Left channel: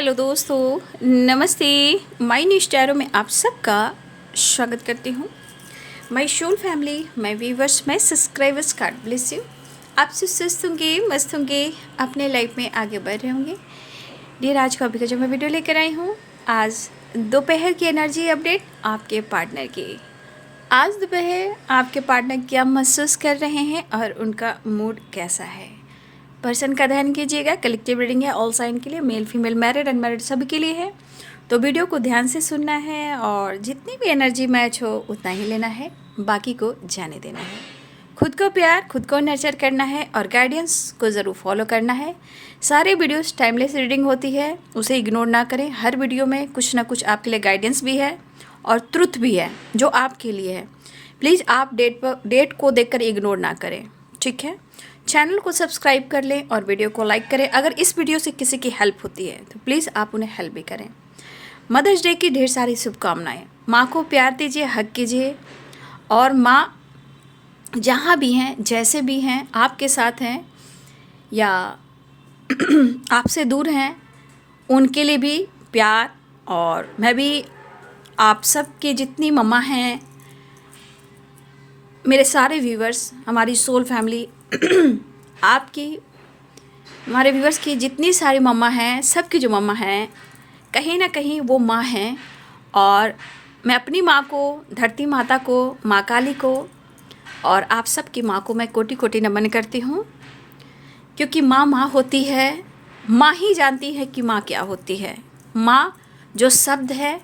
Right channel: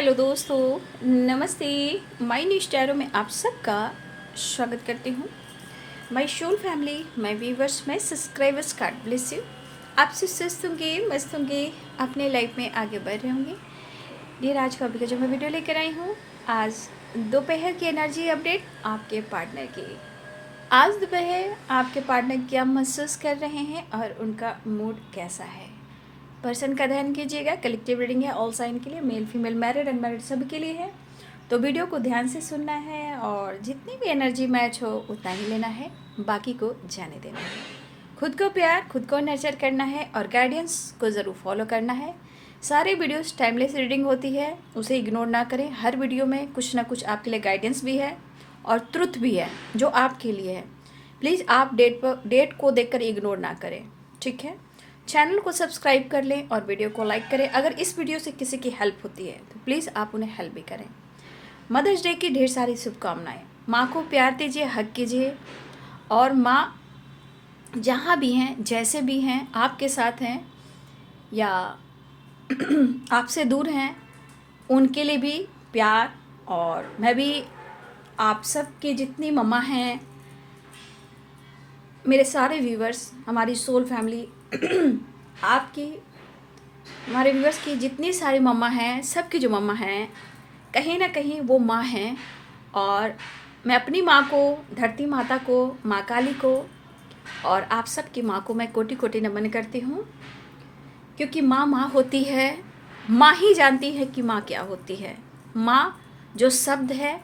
Hello दोस्तों, नमस्ते। My new स्टारो में आप सबका स्वागत करती हूँ। My soul family, my viewers, my subscribers, God bless you. आपसे स्वस्थ होंगे, मस्त होंगे, अपने लाइफ में आगे बढ़ रहे होंगे। डियर, आज का अभी का जो मैं वीडियो लेकर आई हूँ, आज दोपहर की एनर्जी अपडेट आपके पार्टनर की। आज दोपहर आपके पार्टनर क्या महसूस कर रहे हैं और उनका मूड कैसा है, पर्सन का ध्यान कीजिएगा। कलेक्टिव रीडिंग है, ऑल साइन के लिए, मेल फीमेल, मैरिड अनमैरिड सभी के लिए है। तो वीडियो को ध्यान से सुनना है और जितनी भी एनर्जी मैच हो उतना ही लेना है, बाकी को जाने देना है। खुद को प्यार, खुद को नर्चर करना है और गाइडेंस को ज़रूर फॉलो करना है। सारे वीडियोस टाइमलेस रीडिंग होती है, उसे इग्नोर ना करें। हर वीडियो में कुछ ना कुछ आपके लिए गाइडेंस भी है और ट्रुथ भी है जो आपके लिए है। प्लीज़ आप डेट को देखकर इग्नोर ना करें, ठीक है। चैनल को सब्सक्राइब कर लें और वीडियो को लाइक करें। अगर इस वीडियो से किसी की हेल्प होती है तो प्लीज़ आप उन्हें हेल्प भी करें। मदर्स डे की ढेर सारी शुभकामनाएं। माँ को प्यार दीजिए, हक कीजिए और माँ जहाँ भी हैं, जैसे भी हैं, आपके साथ हैं या आपसे दूर हैं, उनके लिए भी प्यार। और मैं भी आप सब के जितनी मम्मा हैं, मेरे सारे व्यूवर्स, हमारी सोल फैमिली आपकी, हमारे व्यूवर्स की जितनी सारी मम्मा हैं, सबकी जो मम्मा हैं, कहीं ना कहीं वो माँ हैं। और मैं अपनी माँ को, धरती माता को, माँ काली को और आप सबकी माँ को मैं कोटि कोटि नमन करती हूँ। क्योंकि माँ माँ होती है, माँ ही जानती है कि माँ क्या होती है। माँ जो शब्द है,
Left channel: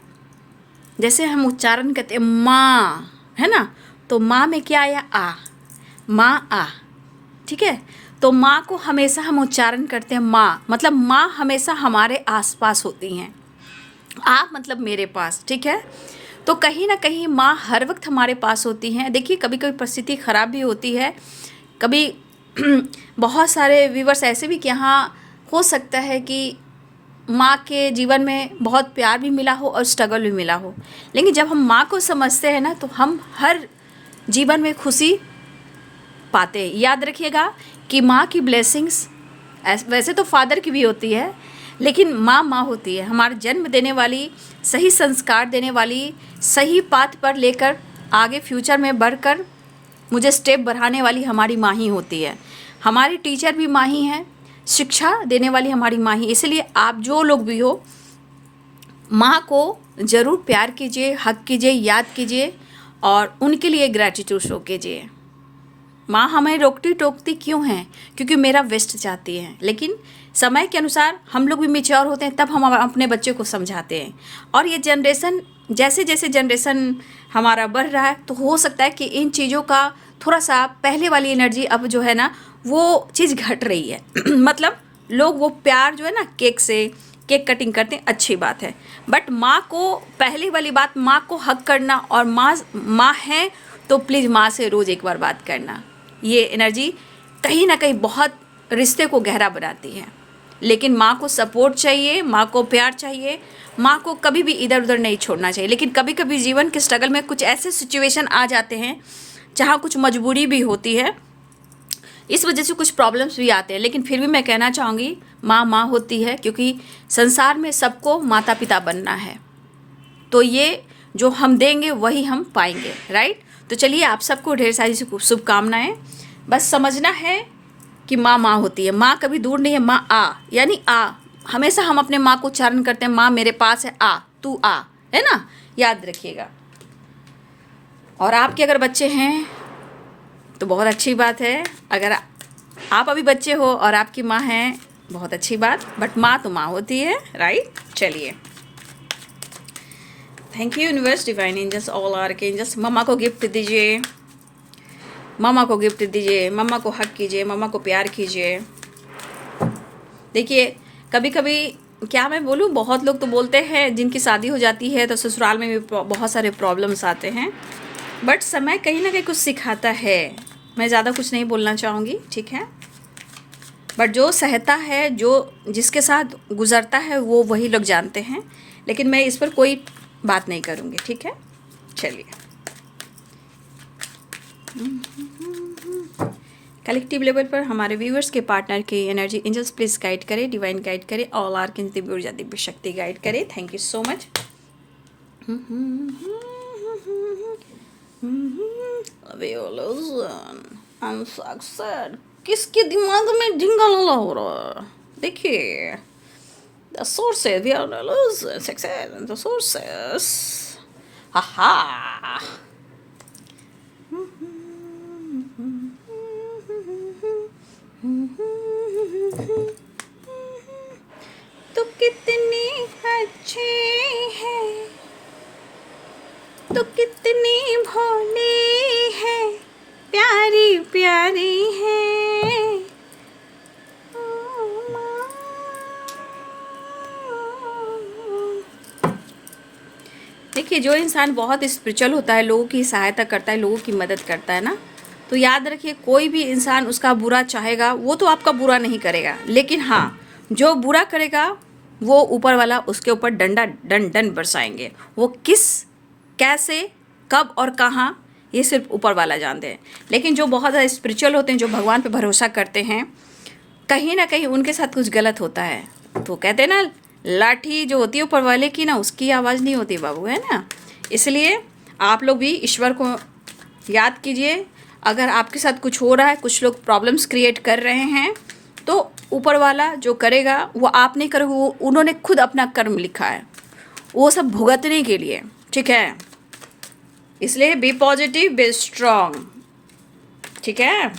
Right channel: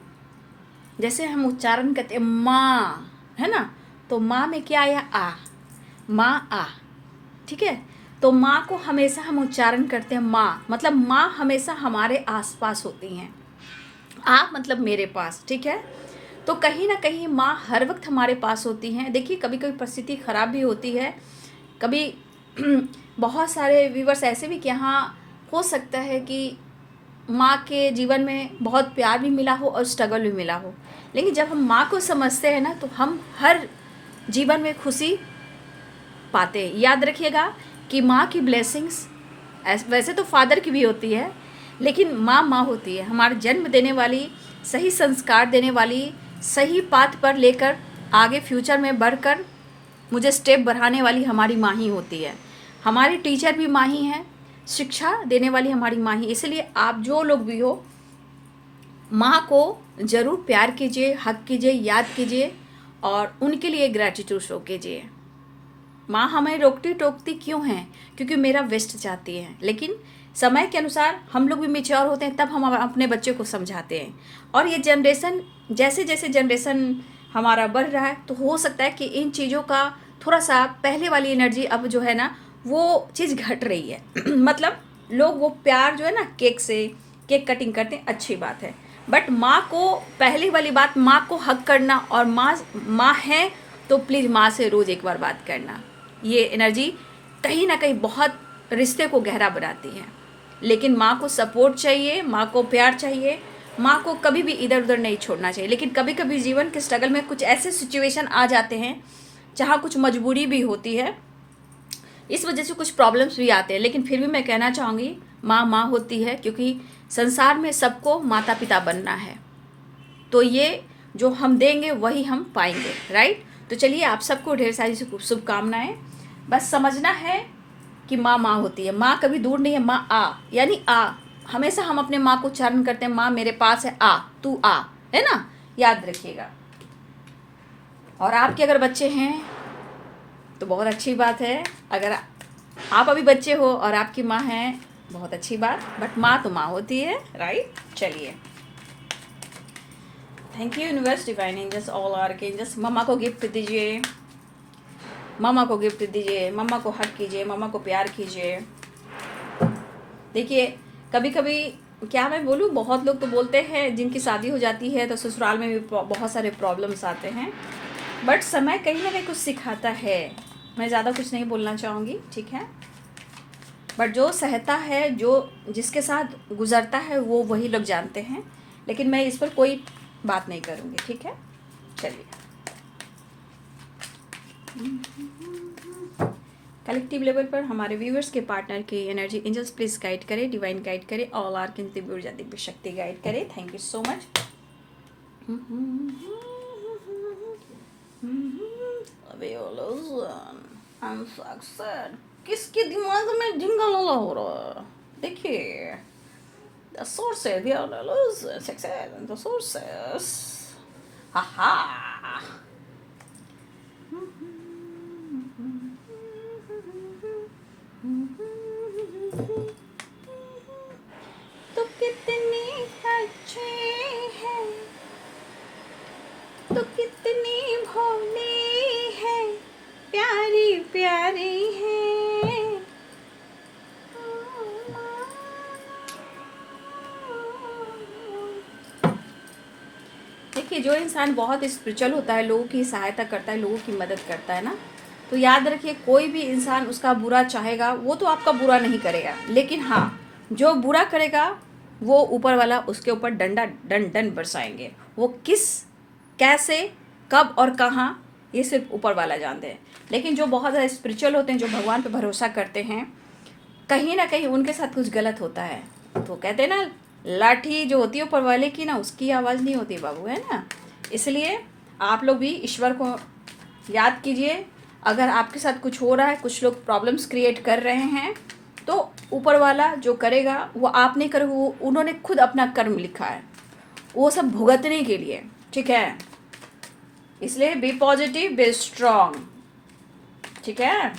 जैसे हम उच्चारण करते हैं माँ, है ना, तो माँ में क्या आया? आ, माँ आ, ठीक है। तो माँ को हमेशा हम उच्चारण करते हैं माँ, मतलब माँ हमेशा हमारे आसपास होती हैं। आप मतलब मेरे पास, ठीक है। तो कहीं ना कहीं माँ हर वक्त हमारे पास होती हैं। देखिए, कभी कभी परिस्थिति ख़राब भी होती है, कभी बहुत सारे व्यूवर्स ऐसे भी कि यहाँ हो सकता है कि माँ के जीवन में बहुत प्यार भी मिला हो और स्ट्रगल भी मिला हो। लेकिन जब हम माँ को समझते हैं ना, तो हम हर जीवन में खुशी पाते हैं। याद रखिएगा कि माँ की ब्लेसिंग्स वैसे तो फादर की भी होती है, लेकिन माँ माँ होती है, हमारा जन्म देने वाली, सही संस्कार देने वाली, सही पाथ पर लेकर आगे फ्यूचर में बढ़कर मुझे स्टेप बढ़ाने वाली हमारी माँ ही होती है। हमारी टीचर भी माँ ही है, शिक्षा देने वाली हमारी माँ ही। इसलिए आप जो लोग भी हो, माँ को ज़रूर प्यार कीजिए, हक कीजिए, याद कीजिए और उनके लिए ग्रैटिट्यूड शो कीजिए। माँ हमें रोकती टोकती क्यों हैं? क्योंकि मेरा वेस्ट चाहती है। लेकिन समय के अनुसार हम लोग भी मैच्योर होते हैं, तब हम अपने बच्चे को समझाते हैं। और ये जनरेशन, जैसे जैसे जनरेशन हमारा बढ़ रहा है, तो हो सकता है कि इन चीज़ों का थोड़ा सा पहले वाली एनर्जी अब जो है ना, वो चीज़ घट रही है। मतलब लोग वो प्यार जो है ना, केक से केक कटिंग करते हैं, अच्छी बात है। बट माँ को, पहली वाली बात, माँ को हक करना, और माँ है तो प्लीज़ माँ से रोज़ एक बार बात करना। ये एनर्जी कहीं ना कहीं बहुत रिश्ते को गहरा बनाती है। लेकिन माँ को सपोर्ट चाहिए, माँ को प्यार चाहिए, माँ को कभी भी इधर उधर नहीं छोड़ना चाहिए। लेकिन कभी कभी जीवन के स्ट्रगल में कुछ ऐसे सिचुएशन आ जाते हैं जहाँ कुछ मजबूरी भी होती है, इस वजह से कुछ प्रॉब्लम्स भी आते हैं। लेकिन फिर भी मैं कहना चाहूँगी, माँ माँ होती है, क्योंकि संसार में सबको माता पिता बनना है। तो ये जो हम देंगे वही हम पाएंगे, राइट। तो चलिए, आप सबको ढेर सारी शुभकामनाएं। बस समझना है कि माँ माँ होती है, माँ कभी दूर नहीं है। माँ आ, यानी आ, हमेशा हम अपने माँ को उच्चारण करते हैं, माँ मेरे पास है, आ, तू आ, है ना, याद रखिएगा। और आपके अगर बच्चे हैं तो बहुत अच्छी बात है। अगर आप अभी बच्चे हो और आपकी माँ है, बहुत अच्छी बात। बट माँ तो माँ होती है, राइट। चलिए, thank you universe, divine angels, all archangels. मम्मा को गिफ्ट दीजिए, मम्मा को गिफ्ट दीजिए, मम्मा को हक कीजिए, मम्मा को प्यार कीजिए। देखिए, कभी कभी क्या मैं बोलूँ, बहुत लोग तो बोलते हैं जिनकी शादी हो जाती है तो ससुराल में भी बहुत सारे प्रॉब्लम्स आते हैं। बट समय कहीं ना कहीं कुछ सिखाता है। मैं ज़्यादा कुछ नहीं बोलना चाहूँगी, ठीक है। बट जो सहता है, जो जिसके साथ गुजरता है, वो वही लोग जानते हैं। लेकिन मैं इस पर कोई बात नहीं करूँगी, ठीक है। चलिए, कलेक्टिव लेवल पर हमारे व्यूअर्स के पार्टनर की एनर्जी एंजल्स प्लीज गाइड करें, डिवाइन गाइड करें, ऑल आर की दिव्य ऊर्जा दिव्य शक्ति गाइड करें। Thank you so much. किसके दिमाग में झिंगाला हो रहा है? देखिए, the sources we are losing success, the sources, हा। तो कितनी अच्छी है, तो कितनी भोली है, प्यारी प्यारी है। देखिए, जो इंसान बहुत स्पिरिचुअल होता है, लोगों की सहायता करता है, लोगों की मदद करता है ना, तो याद रखिए कोई भी इंसान उसका बुरा चाहेगा वो तो आपका बुरा नहीं करेगा, लेकिन हाँ, जो बुरा करेगा वो ऊपर वाला उसके ऊपर दंड बरसाएंगे। वो किस, कैसे, कब और कहाँ, ये सिर्फ ऊपर वाला जानते हैं। लेकिन जो बहुत ज़्यादा स्पिरिचुअल होते हैं, जो भगवान पे भरोसा करते हैं, कहीं ना कहीं उनके साथ कुछ गलत होता है तो कहते हैं ना, लाठी जो होती है ऊपर वाले की ना, उसकी आवाज़ नहीं होती बाबू, है ना। इसलिए आप लोग भी ईश्वर को याद कीजिए। अगर आपके साथ कुछ हो रहा है, कुछ लोग प्रॉब्लम्स क्रिएट कर रहे हैं, तो ऊपर वाला जो करेगा वो आप नहीं करोगे, वो उन्होंने खुद अपना कर्म लिखा है, वो सब भुगतने के लिए, ठीक है। इसलिए बी पॉजिटिव, बी स्ट्रॉन्ग, ठीक है।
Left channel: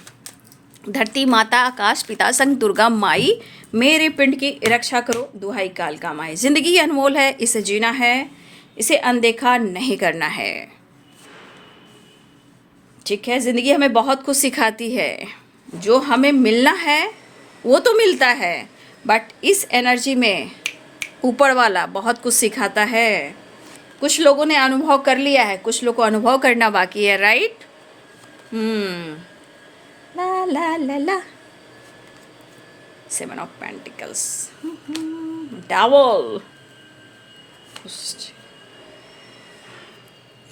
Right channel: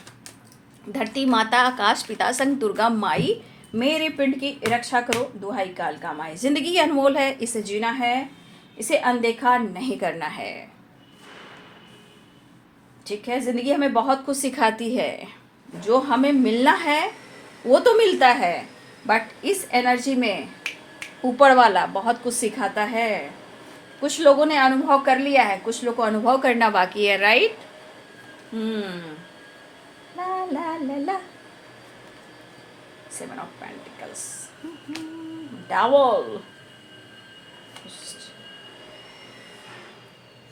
धरती माता, आकाश पिता, संग दुर्गा माई, मेरे पिंड की रक्षा करो, दुहाई काल का माई। जिंदगी अनमोल है, इसे जीना है, इसे अनदेखा नहीं करना है, ठीक है। ज़िंदगी हमें बहुत कुछ सिखाती है, जो हमें मिलना है वो तो मिलता है, बट इस एनर्जी में ऊपर वाला बहुत कुछ सिखाता है। कुछ लोगों ने अनुभव कर लिया है, कुछ लोगों को अनुभव करना बाकी है, राइट। ला ला ला ला, 7 of Pentacles, Devil,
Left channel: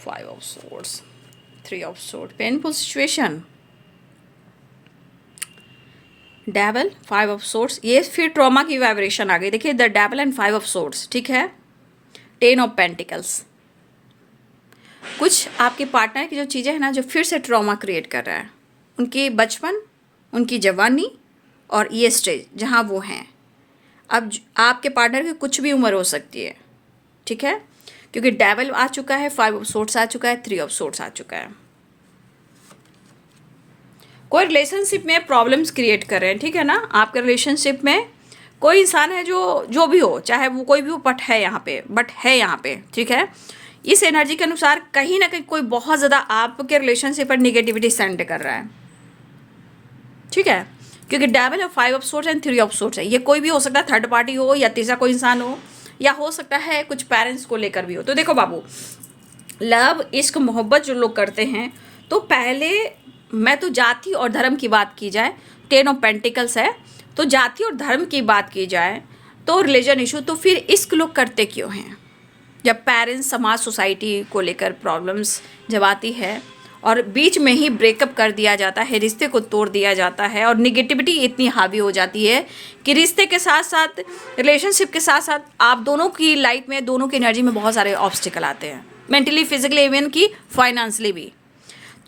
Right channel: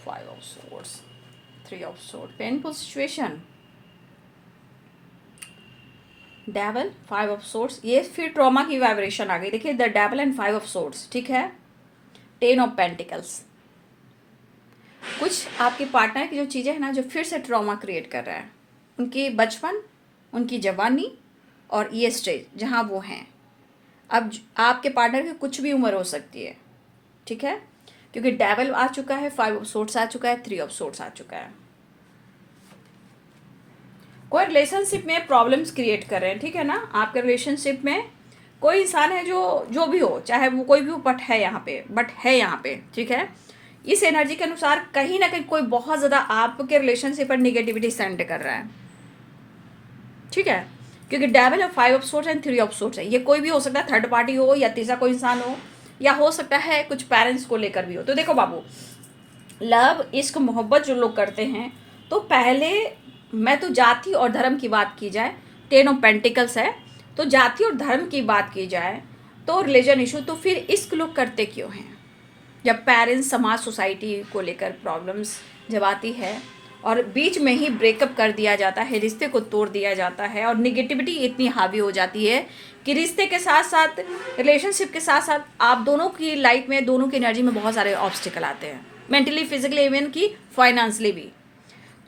5 of Swords, 3 of Swords, painful situation, Devil, 5 of Swords, ये फिर ट्रॉमा की वाइब्रेशन आ गई। देखिए, the Devil and 5 of Swords, ठीक है। 10 of Pentacles, कुछ आपके पार्टनर की जो चीज़ें हैं ना, जो फिर से ट्रॉमा क्रिएट कर रहा है, उनकी बचपन, उनकी जवानी और ये स्टेज जहाँ वो हैं। अब आपके पार्टनर की कुछ भी उम्र हो सकती है, ठीक है, क्योंकि डेविल आ चुका है, 5 ऑफ सोर्ड्स आ चुका है, 3 ऑफ सोर्ड्स आ चुका है। कोई रिलेशनशिप में प्रॉब्लम्स क्रिएट कर रहे हैं, ठीक है ना। आपके रिलेशनशिप में कोई इंसान है जो भी हो, चाहे वो कोई भी हो, बट है यहाँ पे, ठीक है। इस एनर्जी के अनुसार कहीं ना कहीं कोई बहुत ज़्यादा आपके रिलेशनशिप पर निगेटिविटी सेंड कर रहा है, ठीक है, क्योंकि डेविल और 5 of swords and 3 of swords है। ये कोई भी हो सकता है, थर्ड पार्टी हो या तीसरा कोई इंसान हो, या हो सकता है कुछ पेरेंट्स को लेकर भी हो। तो देखो बाबू, लव, इश्क, मोहब्बत जो लोग करते हैं, तो पहले मैं तो जाति और धर्म की बात की जाए, 10 ऑफ पेंटिकल्स है, तो जाति और धर्म की बात की जाए तो रिलीजन इशू, तो फिर इश्क लोग करते क्यों हैं? जब पेरेंट्स, समाज, सोसाइटी को लेकर प्रॉब्लम्स जब आती है और बीच में ही ब्रेकअप कर दिया जाता है, रिश्ते को तोड़ दिया जाता है, और निगेटिविटी इतनी हावी हो जाती है कि रिश्ते के साथ साथ, रिलेशनशिप के साथ साथ आप दोनों की लाइफ में, दोनों की एनर्जी में बहुत सारे ऑब्स्टिकल आते हैं, मेंटली, फिजिकली, इवन की फाइनेंशियली भी।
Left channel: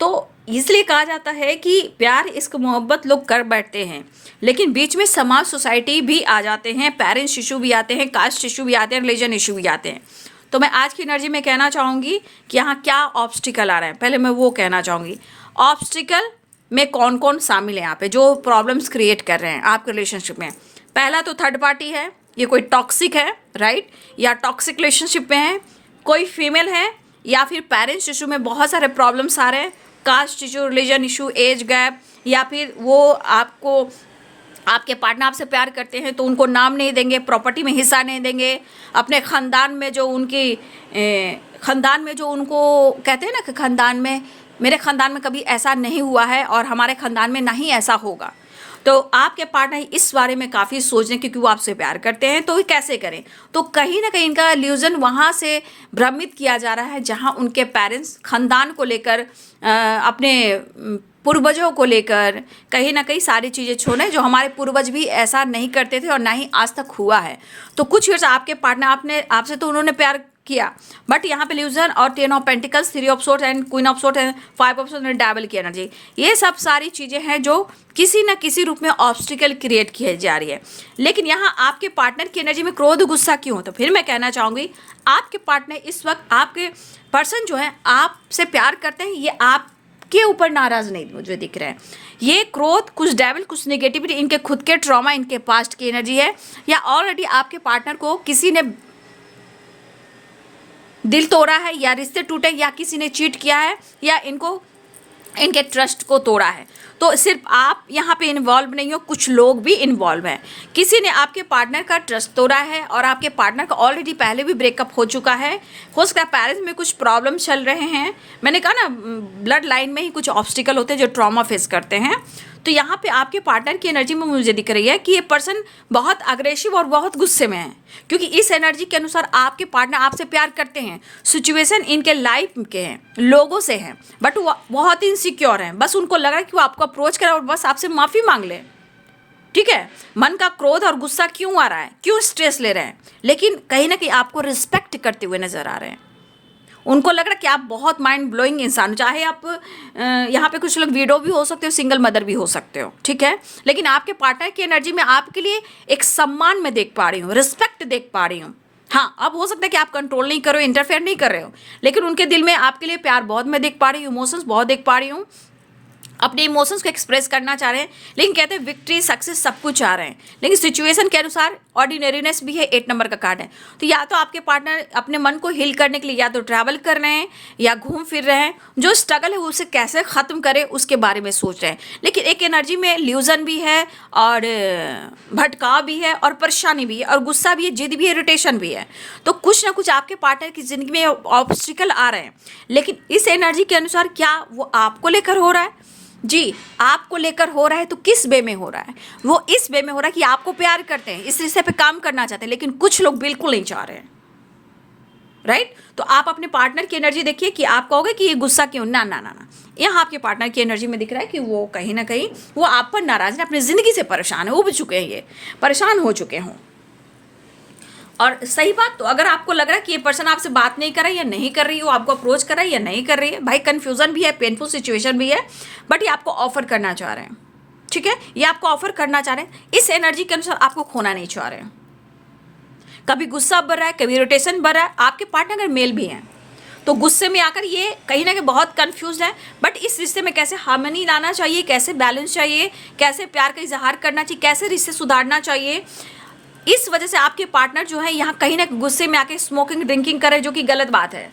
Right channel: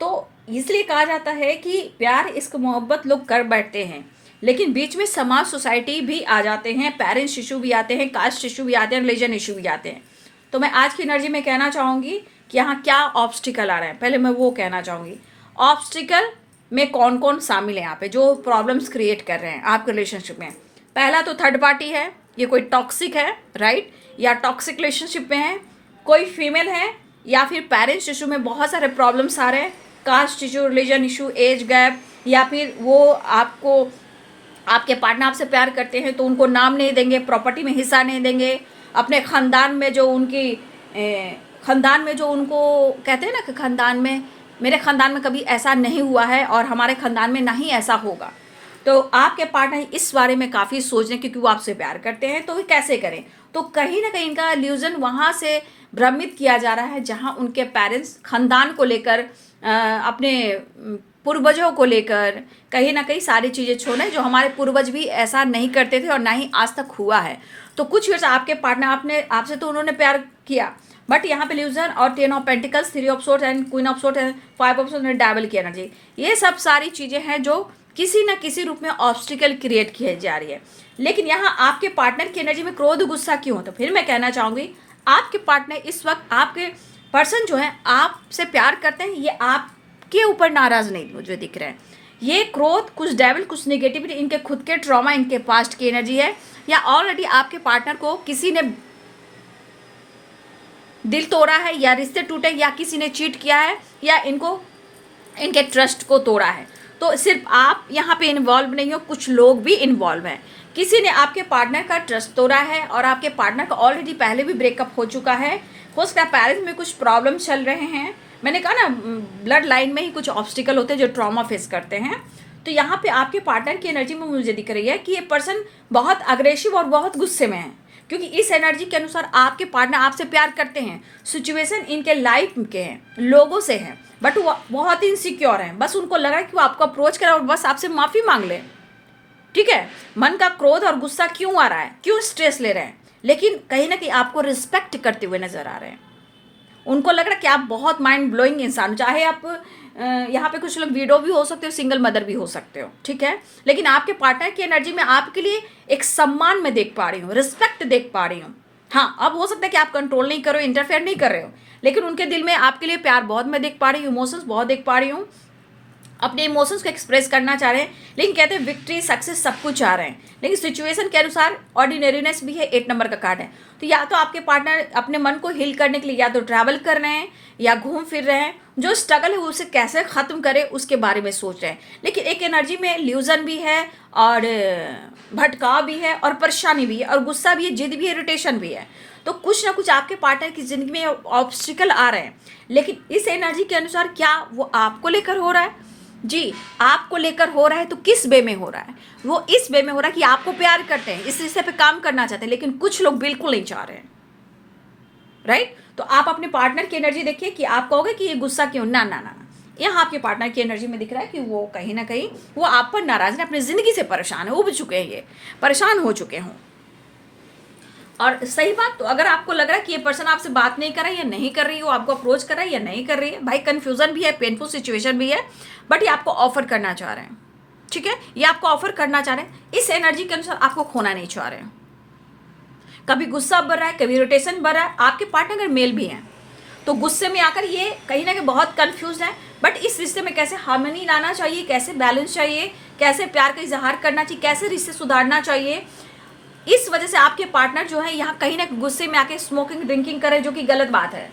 तो इसलिए कहा जाता है कि प्यार, इश्क, मोहब्बत लोग कर बैठते हैं, लेकिन बीच में समाज, सोसाइटी भी आ जाते हैं, पेरेंट्स इशू भी आते हैं, कास्ट इशू भी आते हैं, रिलीजन इशू भी आते हैं। तो मैं आज की एनर्जी में कहना चाहूँगी कि यहाँ क्या ऑब्स्टिकल आ रहे हैं, पहले मैं वो कहना चाहूँगी। ऑब्स्टिकल में कौन कौन शामिल है यहाँ पे, जो प्रॉब्लम्स क्रिएट कर रहे हैं आपके रिलेशनशिप में। पहला तो थर्ड पार्टी है, ये कोई टॉक्सिक है, राइट, या टॉक्सिक रिलेशनशिप में है, कोई फीमेल है, या फिर पेरेंट्स इशू में बहुत सारे प्रॉब्लम्स आ रहे हैं, caste issue, religion issue, age gap, या फिर वो आपके पार्टनर आपसे प्यार करते हैं तो उनको नाम नहीं देंगे, प्रॉपर्टी में हिस्सा नहीं देंगे, अपने ख़ानदान में जो उनको कहते हैं ना कि ख़ानदान में, मेरे ख़ानदान में कभी ऐसा नहीं हुआ है और हमारे ख़ानदान में ना ही ऐसा होगा। तो आपके पार्टनर इस बारे में काफ़ी सोच रहे, क्योंकि वो आपसे प्यार करते हैं, तो कैसे करें। तो कहीं ना कहीं इनका इल्यूजन वहाँ से भ्रमित किया जा रहा है जहाँ उनके पेरेंट्स ख़ानदान को लेकर अपने पूर्वजों को लेकर कहीं ना कहीं सारी चीज़ें छोड़ें, जो हमारे पूर्वज भी ऐसा नहीं करते थे और ना ही आज तक हुआ है। तो कुछ वर्ष आपके पार्टनर आपसे तो उन्होंने प्यार किया, बट यहाँ पे ल्यूजन और 10 of pentacles, 3 of swords and queen of swords and 5 of swords, devil की एनर्जी, ये सब सारी चीज़ें हैं जो किसी ना किसी रूप में ऑब्स्टिकल क्रिएट किए जा रही है। लेकिन यहाँ आपके पार्टनर की एनर्जी में क्रोध गुस्सा क्यों हो? तो फिर मैं कहना चाहूँगी, आपके पार्टनर इस वक्त, आपके पर्सन जो है आपसे प्यार करते हैं, ये आपके ऊपर नाराज़ नहीं मुझे दिख रहे हैं। ये क्रोध, कुछ डेविल, कुछ नेगेटिविटी, इनके खुद के ट्रॉमा, इनके पास्ट की एनर्जी है, या ऑलरेडी आपके पार्टनर को किसी ने दिल तोड़ा है, या रिश्ते टूटे, या किसी ने चीट किया है, या इनको इनके ट्रस्ट को तोड़ा है। तो सिर्फ आप यहाँ पे इन्वॉल्व नहीं हो, कुछ लोग भी इन्वॉल्व हैं। किसी ने आपके पार्टनर का ट्रस्ट तोड़ा है और आपके पार्टनर का ऑलरेडी पहले भी ब्रेकअप हो चुका है। हो सकता है पेरेंट्स में कुछ प्रॉब्लम चल रहे हैं। मैंने कहा ना, ब्लड लाइन में ही कुछ ऑब्स्टिकल होते हैं जो ट्रॉमा फेस करते हैं। तो यहाँ पे आपके पार्टनर की एनर्जी में मुझे दिख रही है कि ये पर्सन बहुत अग्रेसिव और बहुत गुस्से में है, क्योंकि इस एनर्जी के अनुसार आपके पार्टनर आपसे प्यार करते हैं। सिचुएशन इनके लाइफ के हैं, लोगों से हैं, बट वो बहुत इनसिक्योर हैं। बस उनको लग रहा है कि वो आपको अप्रोच करें और बस आपसे माफ़ी मांग लें। ठीक है, मन का क्रोध और गुस्सा क्यों आ रहा है, क्यों स्ट्रेस ले रहे हैं, लेकिन कहीं ना कहीं आपको रिस्पेक्ट करते हुए नजर आ रहे हैं। उनको लग रहा है कि आप बहुत माइंड ब्लोइंग इंसान हो। चाहे आप यहाँ पे कुछ लोग विडो भी हो सकते हो, सिंगल मदर भी हो सकते हो, ठीक है, लेकिन आपके पार्टनर की एनर्जी में आपके लिए एक सम्मान में देख पा रही हूँ, रिस्पेक्ट देख पा रही हूँ। हाँ, अब हो सकता है कि आप कंट्रोल नहीं कर रहे हो, इंटरफेयर नहीं कर रहे हो, लेकिन उनके दिल में आपके लिए प्यार बहुत मैं देख पा रही हूँ, इमोशंस बहुत देख पा रही हूँ, अपने इमोशंस को एक्सप्रेस करना चाह रहे हैं। लेकिन कहते हैं विक्ट्री, सक्सेस सब कुछ चाह रहे हैं, लेकिन सिचुएशन के अनुसार ऑर्डिनरीनेस भी है। 8 नंबर का कार्ड है। तो या तो आपके पार्टनर अपने मन को हील करने के लिए या तो ट्रैवल कर रहे हैं या घूम फिर रहे हैं, जो स्ट्रगल है उसे कैसे ख़त्म करें उसके बारे में सोच रहे हैं। लेकिन एक एनर्जी में ल्यूजन भी है और भटकाव भी है और परेशानी भी है और गुस्सा भी है, जिद भी है, इरिटेशन भी है। तो कुछ ना कुछ आपके पार्टनर की ज़िंदगी में ऑब्स्टिकल आ रहे हैं, लेकिन इस एनर्जी के अनुसार क्या वो आपको लेकर हो रहा है? जी, आपको लेकर हो रहा है। तो किस वे में हो रहा है? वो इस वे में हो रहा है कि आपको प्यार करते हैं, इस रिश्ते पे काम करना चाहते हैं, लेकिन कुछ लोग बिल्कुल नहीं चाह रहे हैं, राइट? तो आप अपने पार्टनर की एनर्जी देखिए कि आप कहोगे कि ये गुस्सा क्यों, ना ना ना ना, यहाँ आपके पार्टनर की एनर्जी में दिख रहा है कि वो कहीं ना कहीं वो आप पर नाराज है, अपनी ज़िंदगी से परेशान है, उब चुके हैं, ये परेशान हो चुके हों। और सही बात, तो अगर आपको लग रहा है कि ये पर्सन आपसे बात नहीं कर रहा है या नहीं कर रही हो, आपको अप्रोच कर रहा है या नहीं कर रही है, भाई कन्फ्यूज़न भी है, पेनफुल सिचुएशन भी है, बट ये आपको ऑफर करना चाह रहे हैं, ठीक है, ये आपको ऑफर करना चाह रहे हैं। इस एनर्जी के अनुसार आपको खोना नहीं चाह रहे हैं। कभी गुस्सा बढ़ रहा है, कभी इरिटेशन बढ़ रहा है। आपके पार्टनर अगर मेल भी हैं तो गुस्से में आकर ये कहीं ना कहीं बहुत कंफ्यूज है, बट इस रिश्ते में कैसे हार्मनी लाना चाहिए, कैसे बैलेंस चाहिए, कैसे प्यार का इजहार करना चाहिए, कैसे रिश्ते सुधारना चाहिए, इस वजह से आपके पार्टनर जो है यहाँ कहीं ना गुस्से में आके स्मोकिंग ड्रिंकिंग करे, जो कि गलत बात है,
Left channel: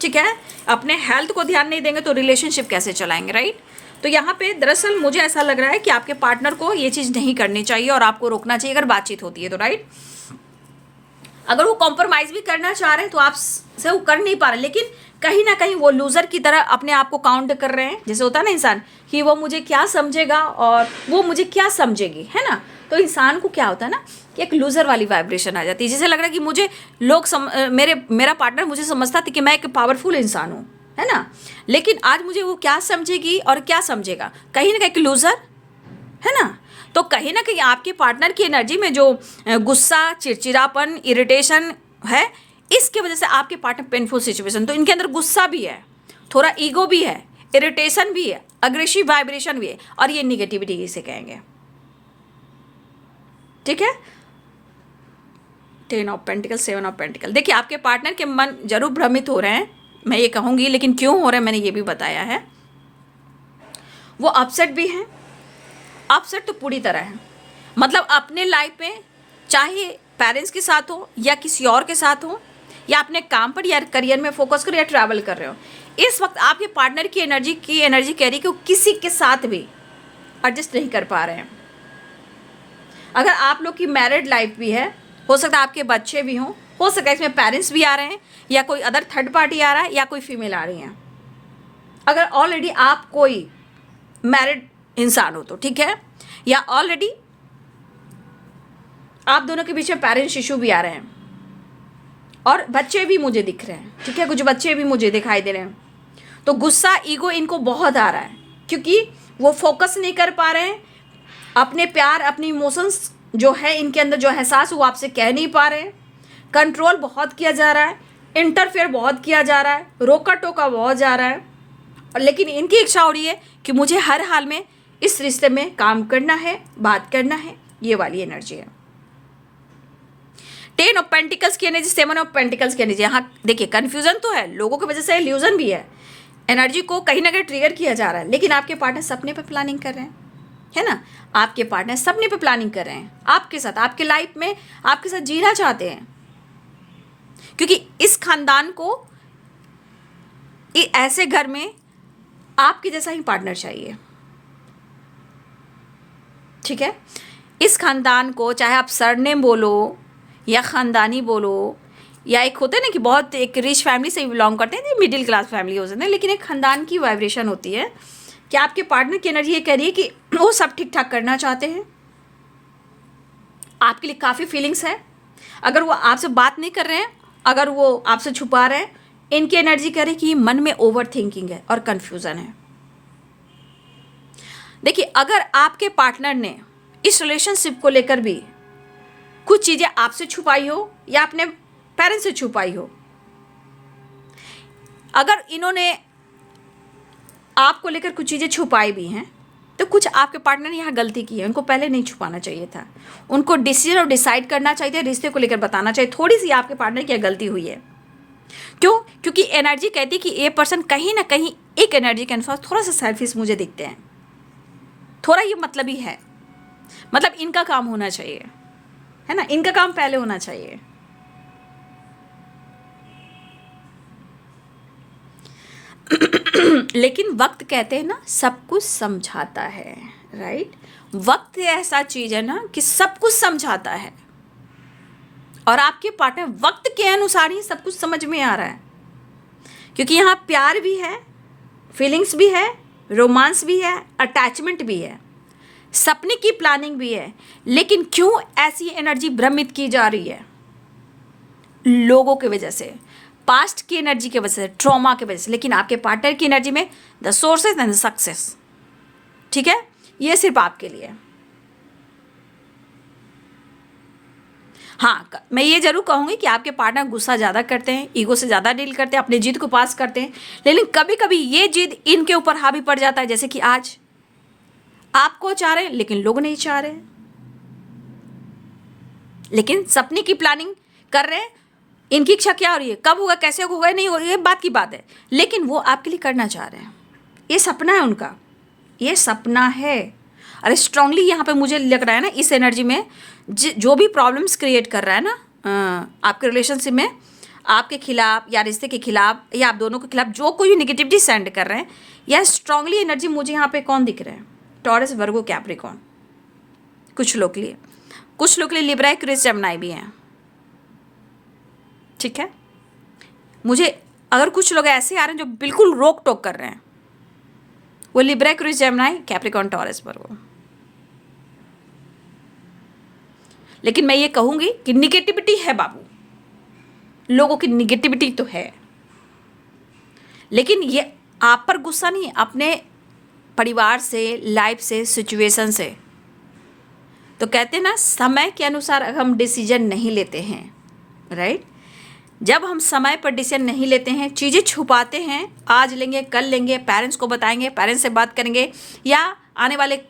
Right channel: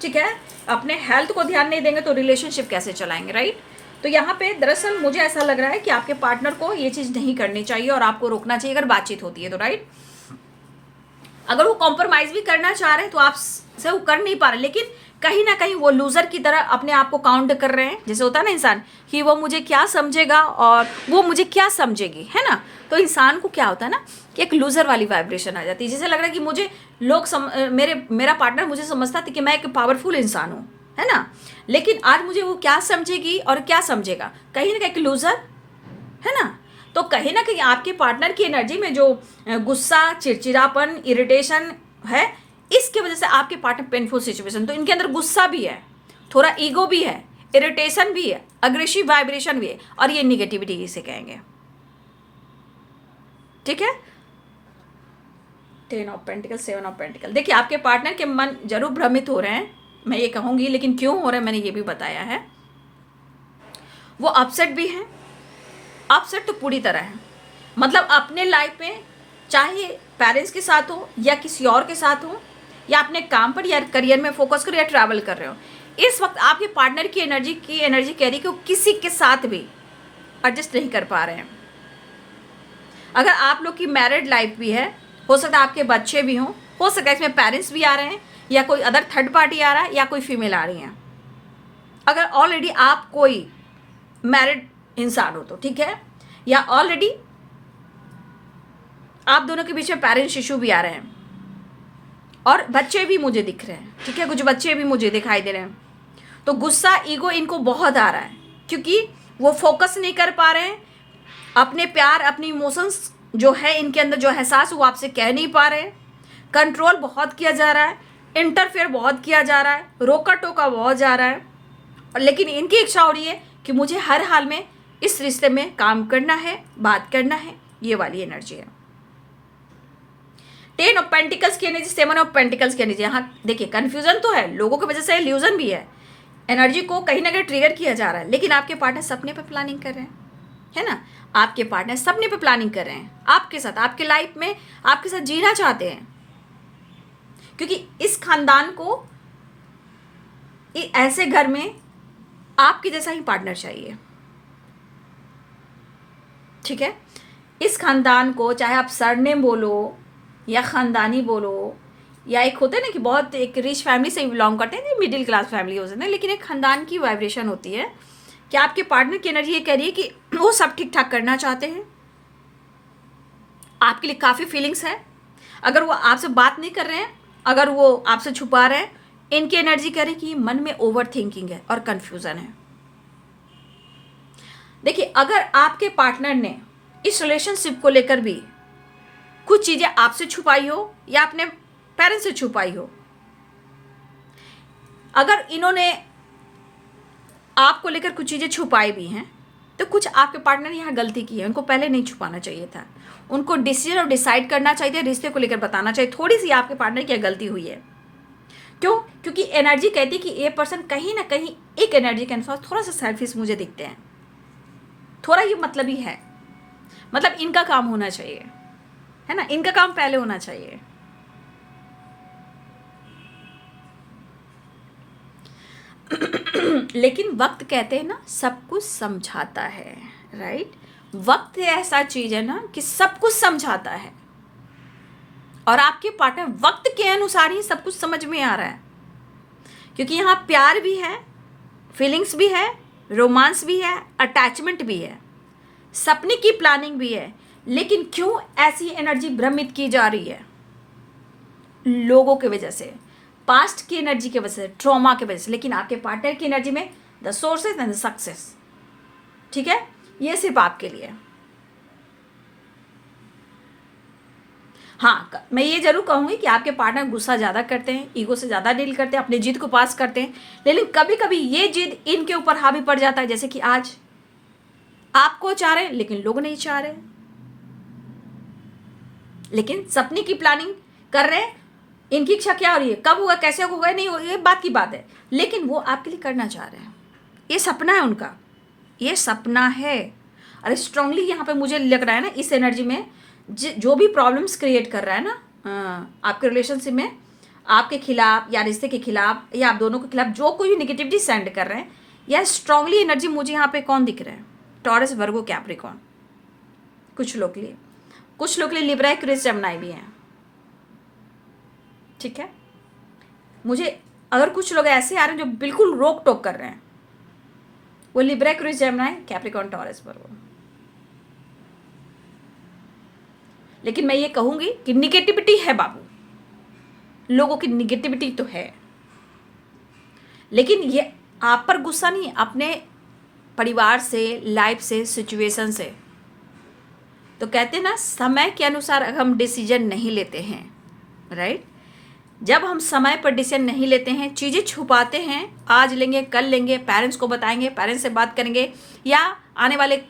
ठीक है। अपने हेल्थ को ध्यान नहीं देंगे तो रिलेशनशिप कैसे चलाएंगे, राइट? तो यहाँ पे दरअसल मुझे ऐसा लग रहा है कि आपके पार्टनर को ये चीज़ नहीं करनी चाहिए और आपको रोकना चाहिए अगर बातचीत होती है तो, राइट? अगर वो कॉम्प्रोमाइज़ भी करना चाह रहे हैं तो आप से वो कर नहीं पा रहे, लेकिन कहीं ना कहीं वो लूज़र की तरह अपने आप को काउंट कर रहे हैं। जैसे होता है ना इंसान कि वो मुझे क्या समझेगा और वो मुझे क्या समझेगी, है ना? तो इंसान को क्या होता है ना कि एक लूज़र वाली वाइब्रेशन आ जाती है, जिसे लग रहा है कि मुझे लोग मेरा पार्टनर मुझे समझता था कि मैं एक पावरफुल इंसान हूँ, है ना? लेकिन आज मुझे वो क्या समझेगी और क्या समझेगा, कहीं ना कहीं एक लूज़र, है ना? तो कहीं ना कहीं आपके पार्टनर की एनर्जी में जो गुस्सा, चिड़चिड़ापन, इरिटेशन है, इसके वजह से आपके पार्टनर पेनफुल सिचुएशन, तो इनके अंदर गुस्सा भी है, थोड़ा ईगो भी है, इरिटेशन भी है, अग्रेसिव वाइब्रेशन भी है, और ये निगेटिविटी इसे कहेंगे, ठीक है। 10 ऑफ पेंटिकल, 7 ऑफ पेंटिकल। देखिए आपके पार्टनर के मन जरूर भ्रमित हो रहे हैं, मैं ये कहूँगी, लेकिन क्यों हो रहे हैं मैंने ये भी बताया है। वो अपसेट भी हैं, अपसेट तो पूरी तरह है, मतलब अपने लाइफ में चाहे पेरेंट्स के साथ हो या किसी और के साथ हो, या अपने काम पर या करियर में फोकस करो या ट्रैवल कर रहे हो, इस वक्त आपके पार्टनर की एनर्जी कह रही है कि वो किसी के साथ भी एडजस्ट नहीं कर पा रहे हैं। अगर आप लोग की मैरिड लाइफ भी है, हो सकता है आपके बच्चे भी हों, हो सकता है इसमें पेरेंट्स भी आ रहे हैं या कोई अदर थर्ड पार्टी आ रहा है या कोई फीमेल आ रही है। अगर ऑलरेडी आप कोई मैरिड इंसान हो तो ठीक है, या ऑलरेडी आप दोनों के बीच में पेरेंट्स इशू भी आ रहे हैं और बच्चे भी मुझे दिख रहे हैं, ठीक है, कुछ बच्चे भी मुझे दिखाई दे रहे हैं। तो गुस्सा, ईगो इनको बहुत आ रहा है, क्योंकि वो फोकस नहीं कर पा रहे हैं, अपने प्यार अपनी इमोशंस जो है इनके अंदर जो एहसास वो आपसे कह नहीं पा रहे हैं, कंट्रोल बहुत किया जा रहा है, इंटरफेयर बहुत किया जा रहा है, रोका टोका बहुत जा रहा है, और लेकिन इनकी इच्छा हो रही है कि मुझे हर हाल में इस रिश्ते में काम करना है, बात करना है। ये वाली एनर्जी है। 10 ऑफ पेंटिकल्स की एनर्जी, 7 ऑफ पेंटिकल्स की एनर्जी। यहाँ देखिए कन्फ्यूजन तो है, लोगों की वजह से इल्यूजन भी है, एनर्जी को कहीं ना कहीं ट्रिगर किया जा रहा है, लेकिन आपके पार्टनर सपने पे प्लानिंग कर रहे हैं, है ना। आपके पार्टनर सपने पे प्लानिंग कर रहे हैं आपके साथ, आपके लाइफ में आपके साथ जीना चाहते हैं, क्योंकि इस खानदान को ऐसे घर में आपके जैसा ही पार्टनर चाहिए, ठीक है। इस खानदान को चाहे आप सरनेम बोलो या ख़ानदानी बोलो, या एक होते हैं ना कि बहुत एक रिच फैमिली से बिलोंग करते हैं, मिडिल क्लास फैमिली हो सकते हैं, लेकिन एक खानदान की वाइब्रेशन होती है कि आपके पार्टनर की एनर्जी ये कह रही है कि वो सब ठीक ठाक करना चाहते हैं, आपके लिए काफ़ी फीलिंग्स है। अगर वो आपसे बात नहीं कर रहे हैं, अगर वो आपसे छुपा रहे हैं, इनकी एनर्जी कह रही है कि मन में ओवर थिंकिंग है और कन्फ्यूज़न है। देखिए अगर आपके पार्टनर ने इस रिलेशनशिप को लेकर भी कुछ चीज़ें आपसे छुपाई हो या अपने पेरेंट्स से छुपाई हो, अगर इन्होंने आपको लेकर कुछ चीज़ें छुपाई भी हैं, तो कुछ आपके पार्टनर ने यहाँ गलती की है, उनको पहले नहीं छुपाना चाहिए था, उनको डिसीजन और डिसाइड करना चाहिए, रिश्ते को लेकर बताना चाहिए। थोड़ी सी आपके पार्टनर की गलती हुई है। क्यों? क्योंकि एनर्जी कहती है कि ये पर्सन कहीं ना कहीं एक एनर्जी के अनुसार थोड़ा सा सेल्फिश मुझे दिखते हैं, थोड़ा ये मतलब ही है, मतलब इनका काम होना चाहिए, है ना, इनका काम पहले होना चाहिए। लेकिन वक्त कहते हैं ना सब कुछ समझाता है, राइट। वक्त ऐसा चीज है ना कि सब कुछ समझाता है, और आपके पार्टनर वक्त के अनुसार ही सब कुछ समझ में आ रहा है, क्योंकि यहाँ प्यार भी है, फीलिंग्स भी है, रोमांस भी है, अटैचमेंट भी है, सपने की प्लानिंग भी है। लेकिन क्यों ऐसी एनर्जी भ्रमित की जा रही है? लोगों की वजह से, पास्ट की एनर्जी की वजह से, ट्रॉमा की वजह से। लेकिन आपके पार्टनर की एनर्जी में the sources and the success, ठीक है, ये सिर्फ आपके लिए। हाँ, मैं ये जरूर कहूँगी कि आपके पार्टनर गुस्सा ज़्यादा करते हैं, ईगो से ज़्यादा डील करते हैं, अपनी जिद को पास करते हैं, लेकिन कभी कभी ये जिद इनके ऊपर हावी पड़ जाता है। जैसे कि आज आपको चाह रहे हैं लेकिन लोग नहीं चाह रहे, लेकिन सपने की प्लानिंग कर रहे हैं, इनकी इच्छा क्या हो रही है, कब होगा, कैसे होगा, नहीं होगा, ये बात की बात है, लेकिन वो आपके लिए करना चाह रहे हैं। ये सपना है उनका, ये सपना है। अरे स्ट्रांगली यहाँ पे मुझे लग रहा है ना, इस एनर्जी में जो भी प्रॉब्लम्स क्रिएट कर रहा है ना आपके रिलेशनशिप में, आपके खिलाफ या रिश्ते के खिलाफ या आप दोनों के खिलाफ जो कोई भी निगेटिविटी सेंड कर रहे हैं, या स्ट्रांगली एनर्जी मुझे यहाँ पे कौन दिख रहा है? टॉरस, वर्गो, कैप्रिकॉर्न। कुछ लोग के लिए, कुछ लोग के लिए लिब्रा, क्रिस, जेमिनी भी हैं, ठीक है। मुझे अगर कुछ लोग ऐसे आ रहे हैं जो बिल्कुल रोक टोक कर रहे हैं, वो लिब्रा, क्रिस, जेमिनी, कैप्रिकॉर्न, टॉरस, वर्गो। लेकिन मैं ये कहूंगी कि निगेटिविटी है बाबू, लोगों की निगेटिविटी तो है, लेकिन ये आप पर गुस्सा नहीं, अपने परिवार से, लाइफ से, सिचुएशन से। तो कहते हैं ना समय के अनुसार हम डिसीजन नहीं लेते हैं, राइट। जब हम समय पर डिसीजन नहीं लेते हैं, चीज़ें छुपाते हैं, आज लेंगे कल लेंगे, पेरेंट्स को बताएंगे, पेरेंट्स से बात करेंगे, या आने वाले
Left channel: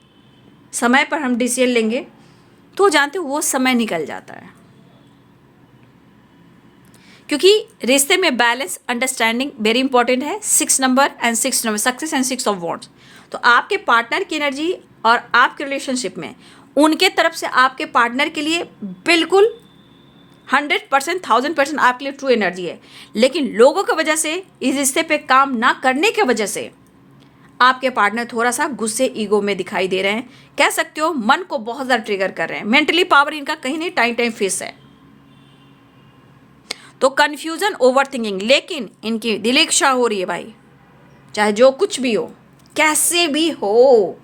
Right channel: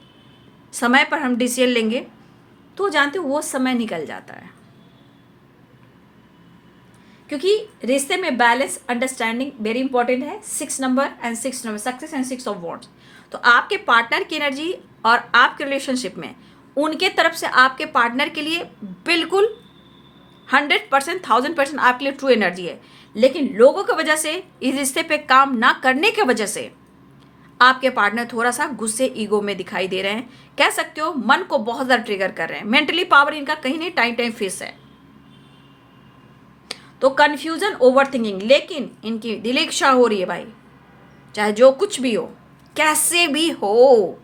समय पर हम डिसीजन लेंगे, तो जानते हो वो समय निकल जाता है। क्योंकि रिश्ते में बैलेंस, अंडरस्टैंडिंग वेरी इंपॉर्टेंट है। 6 number and 6 number, success and 6 of wands. तो आपके पार्टनर की एनर्जी और आपके रिलेशनशिप में उनके तरफ से आपके पार्टनर के लिए बिल्कुल 100%, 1000% आपके लिए ट्रू एनर्जी है। लेकिन लोगों की वजह से, इस रिश्ते पे काम ना करने की वजह से आपके पार्टनर थोड़ा सा गुस्से, ईगो में दिखाई दे रहे हैं, कह सकते हो मन को बहुत ज़्यादा ट्रिगर कर रहे हैं। मेंटली पावर इनका कहीं नहीं टाइम फिक्स है, तो कन्फ्यूजन, ओवर थिंकिंग। लेकिन इनकी दिली इच्छा हो रही है भाई, चाहे जो कुछ भी हो, कैसे भी हो,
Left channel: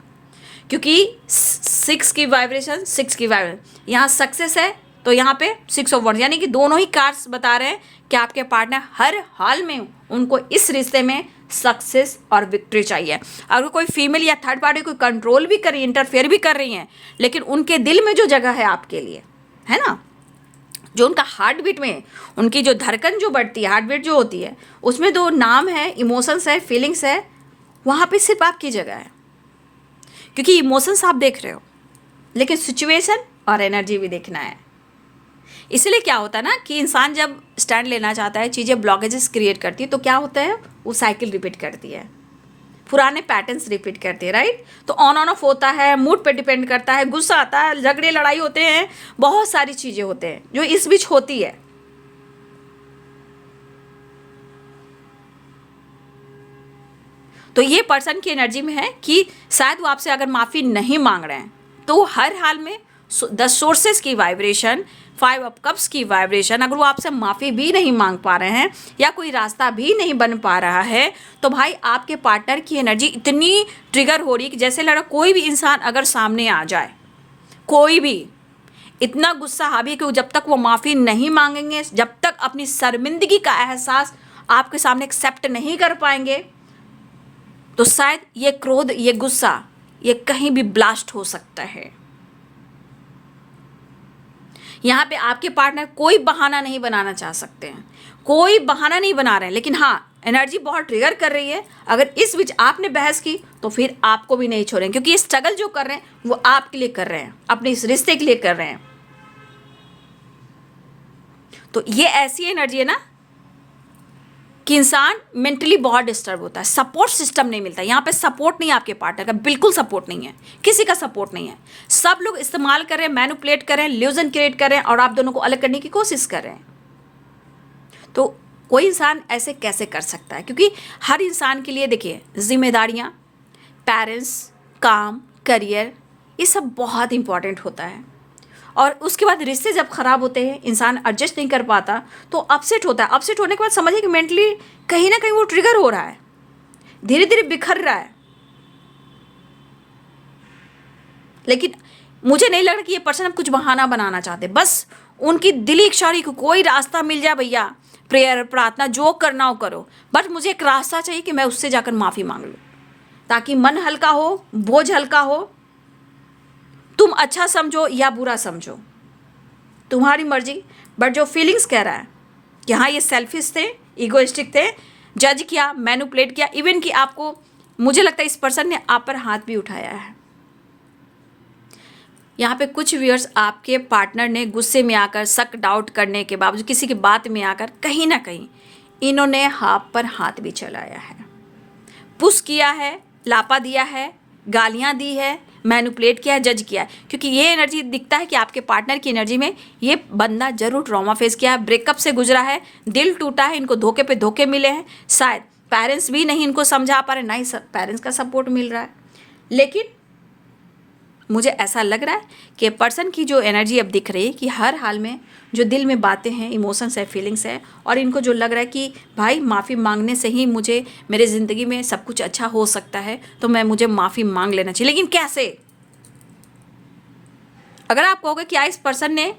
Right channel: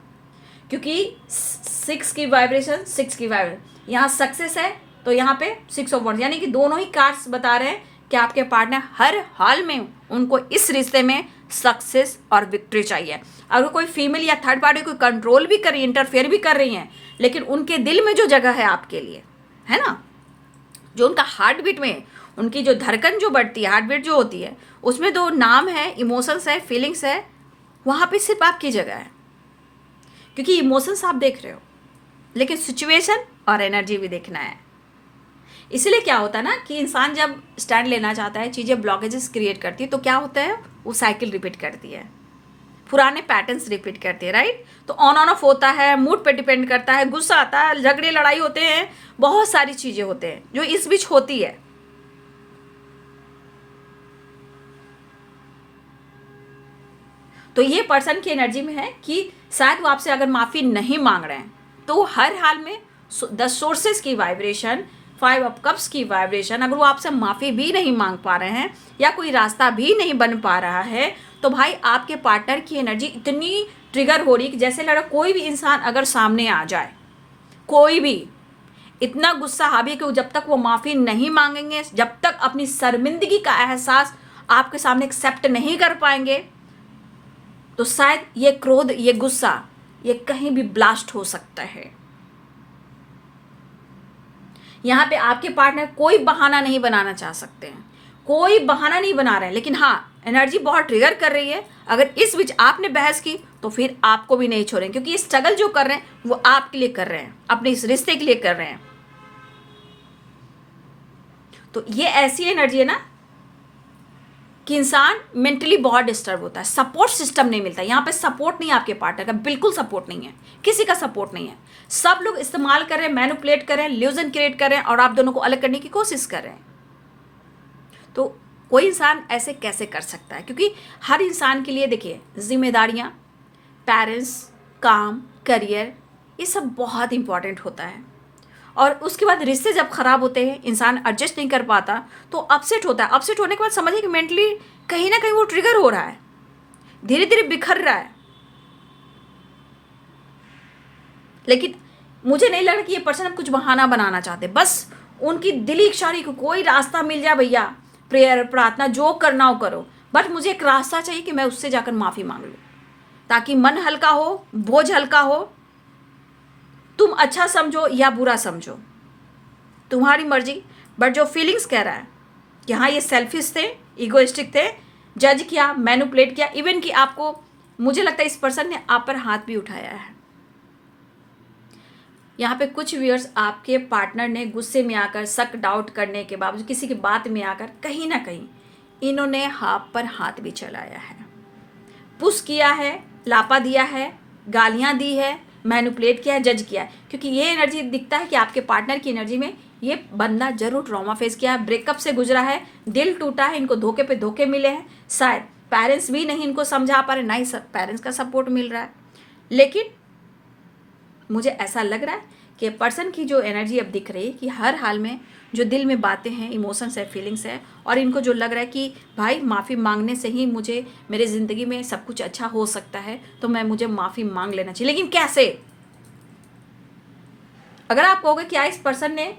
क्योंकि 6 की वाइब्रेशन, 6 की वाइब्रेशन, यहाँ सक्सेस है तो यहाँ पे 6 ऑफ वॉन्ड्स, यानी कि दोनों ही कार्ड्स बता रहे हैं कि आपके पार्टनर हर हाल में उनको इस रिश्ते में सक्सेस और विक्ट्री चाहिए। अगर कोई फीमेल या थर्ड पार्टी को कंट्रोल भी कर रही है, इंटरफेयर भी कर रही हैं, लेकिन उनके दिल में जो जगह है आपके लिए, है ना, जो उनका हार्ट बीट में, उनकी जो धड़कन जो बढ़ती है, हार्ट बीट जो होती है, उसमें दो नाम है, इमोशंस है, फीलिंग्स है, वहाँ पे सिर्फ आपकी जगह है। क्योंकि इमोशंस आप देख रहे हो, लेकिन सिचुएशन और एनर्जी भी देखना है। इसलिए क्या होता है ना कि इंसान जब स्टैंड लेना चाहता है, चीज़ें ब्लॉकेजेस क्रिएट करती है, तो क्या होता है, वो साइकिल रिपीट करती है, पुराने पैटर्न्स रिपीट करते हैं, राइट। तो ऑन ऑफ होता है, मूड पे डिपेंड करता है, गुस्सा आता है, झगड़े लड़ाई होते हैं, बहुत सारी चीज़ें होते हैं जो इस बीच होती है। तो ये पर्सन की एनर्जी में है कि शायद वो आपसे अगर माफ़ी नहीं मांग रहे हैं, तो हर हाल में द सोर्सेस की वाइब्रेशन, 5 ऑफ कप्स की वाइब्रेशन, अगर वो आपसे माफ़ी भी नहीं मांग पा रहे हैं या कोई रास्ता भी नहीं बन पा रहा है, तो भाई आपके पार्टनर की एनर्जी इतनी ट्रिगर हो रही कि जैसे लगा कोई भी इंसान अगर सामने आ जाए, कोई भी, इतना गुस्सा हावी है कि जब तक वो माफ़ी नहीं मांगेंगे, जब तक अपनी शर्मिंदगी का एहसास आपके सामने एक्सेप्ट नहीं कर पाएंगे, तो शायद ये क्रोध, ये गुस्सा, ये कहीं भी ब्लास्ट हो सकता है। यहाँ पे आपके पार्टनर कोई बहाना नहीं बनाना चाह सकते हैं, कोई बहाना नहीं बना रहे हैं, लेकिन हाँ एनर्जी बहुत ट्रिगर कर रही है। अगर इस बीच आपने बहस की तो फिर आपको भी नहीं छोड़ेंगे, क्योंकि ये स्ट्रगल जो कर रहे हैं वो आपके लिए कर रहे हैं, अपने इस रिश्ते के लिए कर रहे हैं। तो ये ऐसी एनर्जी है ना कि इंसान मेंटली बहुत डिस्टर्ब होता है, सपोर्ट सिस्टम नहीं मिलता। यहाँ पे सपोर्ट नहीं है आपके पार्टनर का, बिल्कुल सपोर्ट नहीं है, किसी का सपोर्ट नहीं है। सब लोग इस्तेमाल करें, मैनिपुलेट करें, इल्यूजन क्रिएट करें और आप दोनों को अलग करने की कोशिश कर रहे हैं। तो कोई इंसान ऐसे कैसे कर सकता है? क्योंकि हर इंसान के लिए देखिए जिम्मेदारियाँ, पेरेंट्स, काम, करियर, ये सब बहुत इंपॉर्टेंट होता है। और उसके बाद रिश्ते जब ख़राब होते हैं, इंसान एडजस्ट नहीं कर पाता, तो अपसेट होता है। अपसेट होने के बाद समझिए कि मेंटली कहीं ना कहीं वो ट्रिगर हो रहा है, धीरे धीरे बिखर रहा है। लेकिन मुझे नहीं लग रहा कि ये पर्सन अब कुछ बहाना बनाना चाहते, बस उनकी दिली इच्छा रही कि कोई रास्ता मिल जाए भैया, प्रेयर, प्रार्थना, जो करना हो करो, बट मुझे एक रास्ता चाहिए कि मैं उससे जाकर माफ़ी मांग लूँ, ताकि मन हल्का हो, बोझ हल्का हो। तुम अच्छा समझो या बुरा समझो, तुम्हारी मर्जी, बट जो फीलिंग्स कह रहा है कि हाँ ये सेल्फिश थे, इगोइस्टिक थे, जज किया, मैनिपुलेट किया, इवन कि आपको, मुझे लगता है इस पर्सन ने आप पर हाथ भी उठाया है। यहाँ पे कुछ व्यूअर्स, आपके पार्टनर ने गुस्से में आकर, शक डाउट करने के बावजूद, किसी की बात में आकर कहीं ना कहीं इन्होंने आप पर हाथ भी चलाया है, पुश किया है, लापा दिया है, गालियाँ दी है, मैनिपुलेट किया है, जज किया है। क्योंकि ये एनर्जी दिखता है कि आपके पार्टनर की एनर्जी में ये बंदा जरूर ट्रॉमा फेस किया है, ब्रेकअप से गुजरा है, दिल टूटा है, इनको धोखे पे धोखे मिले हैं, शायद पेरेंट्स भी नहीं इनको समझा पा रहे, ना ही पेरेंट्स का सपोर्ट मिल रहा है। लेकिन मुझे ऐसा लग रहा है कि पर्सन की जो एनर्जी अब दिख रही है कि हर हाल में जो दिल में बातें हैं, इमोशंस है, फीलिंग्स है, और इनको जो लग रहा है कि भाई माफ़ी मांगने से ही मुझे मेरे ज़िंदगी में सब कुछ अच्छा हो सकता है, तो मुझे माफ़ी मांग लेना चाहिए। लेकिन कैसे? अगर आप कहोगे कि इस पर्सन ने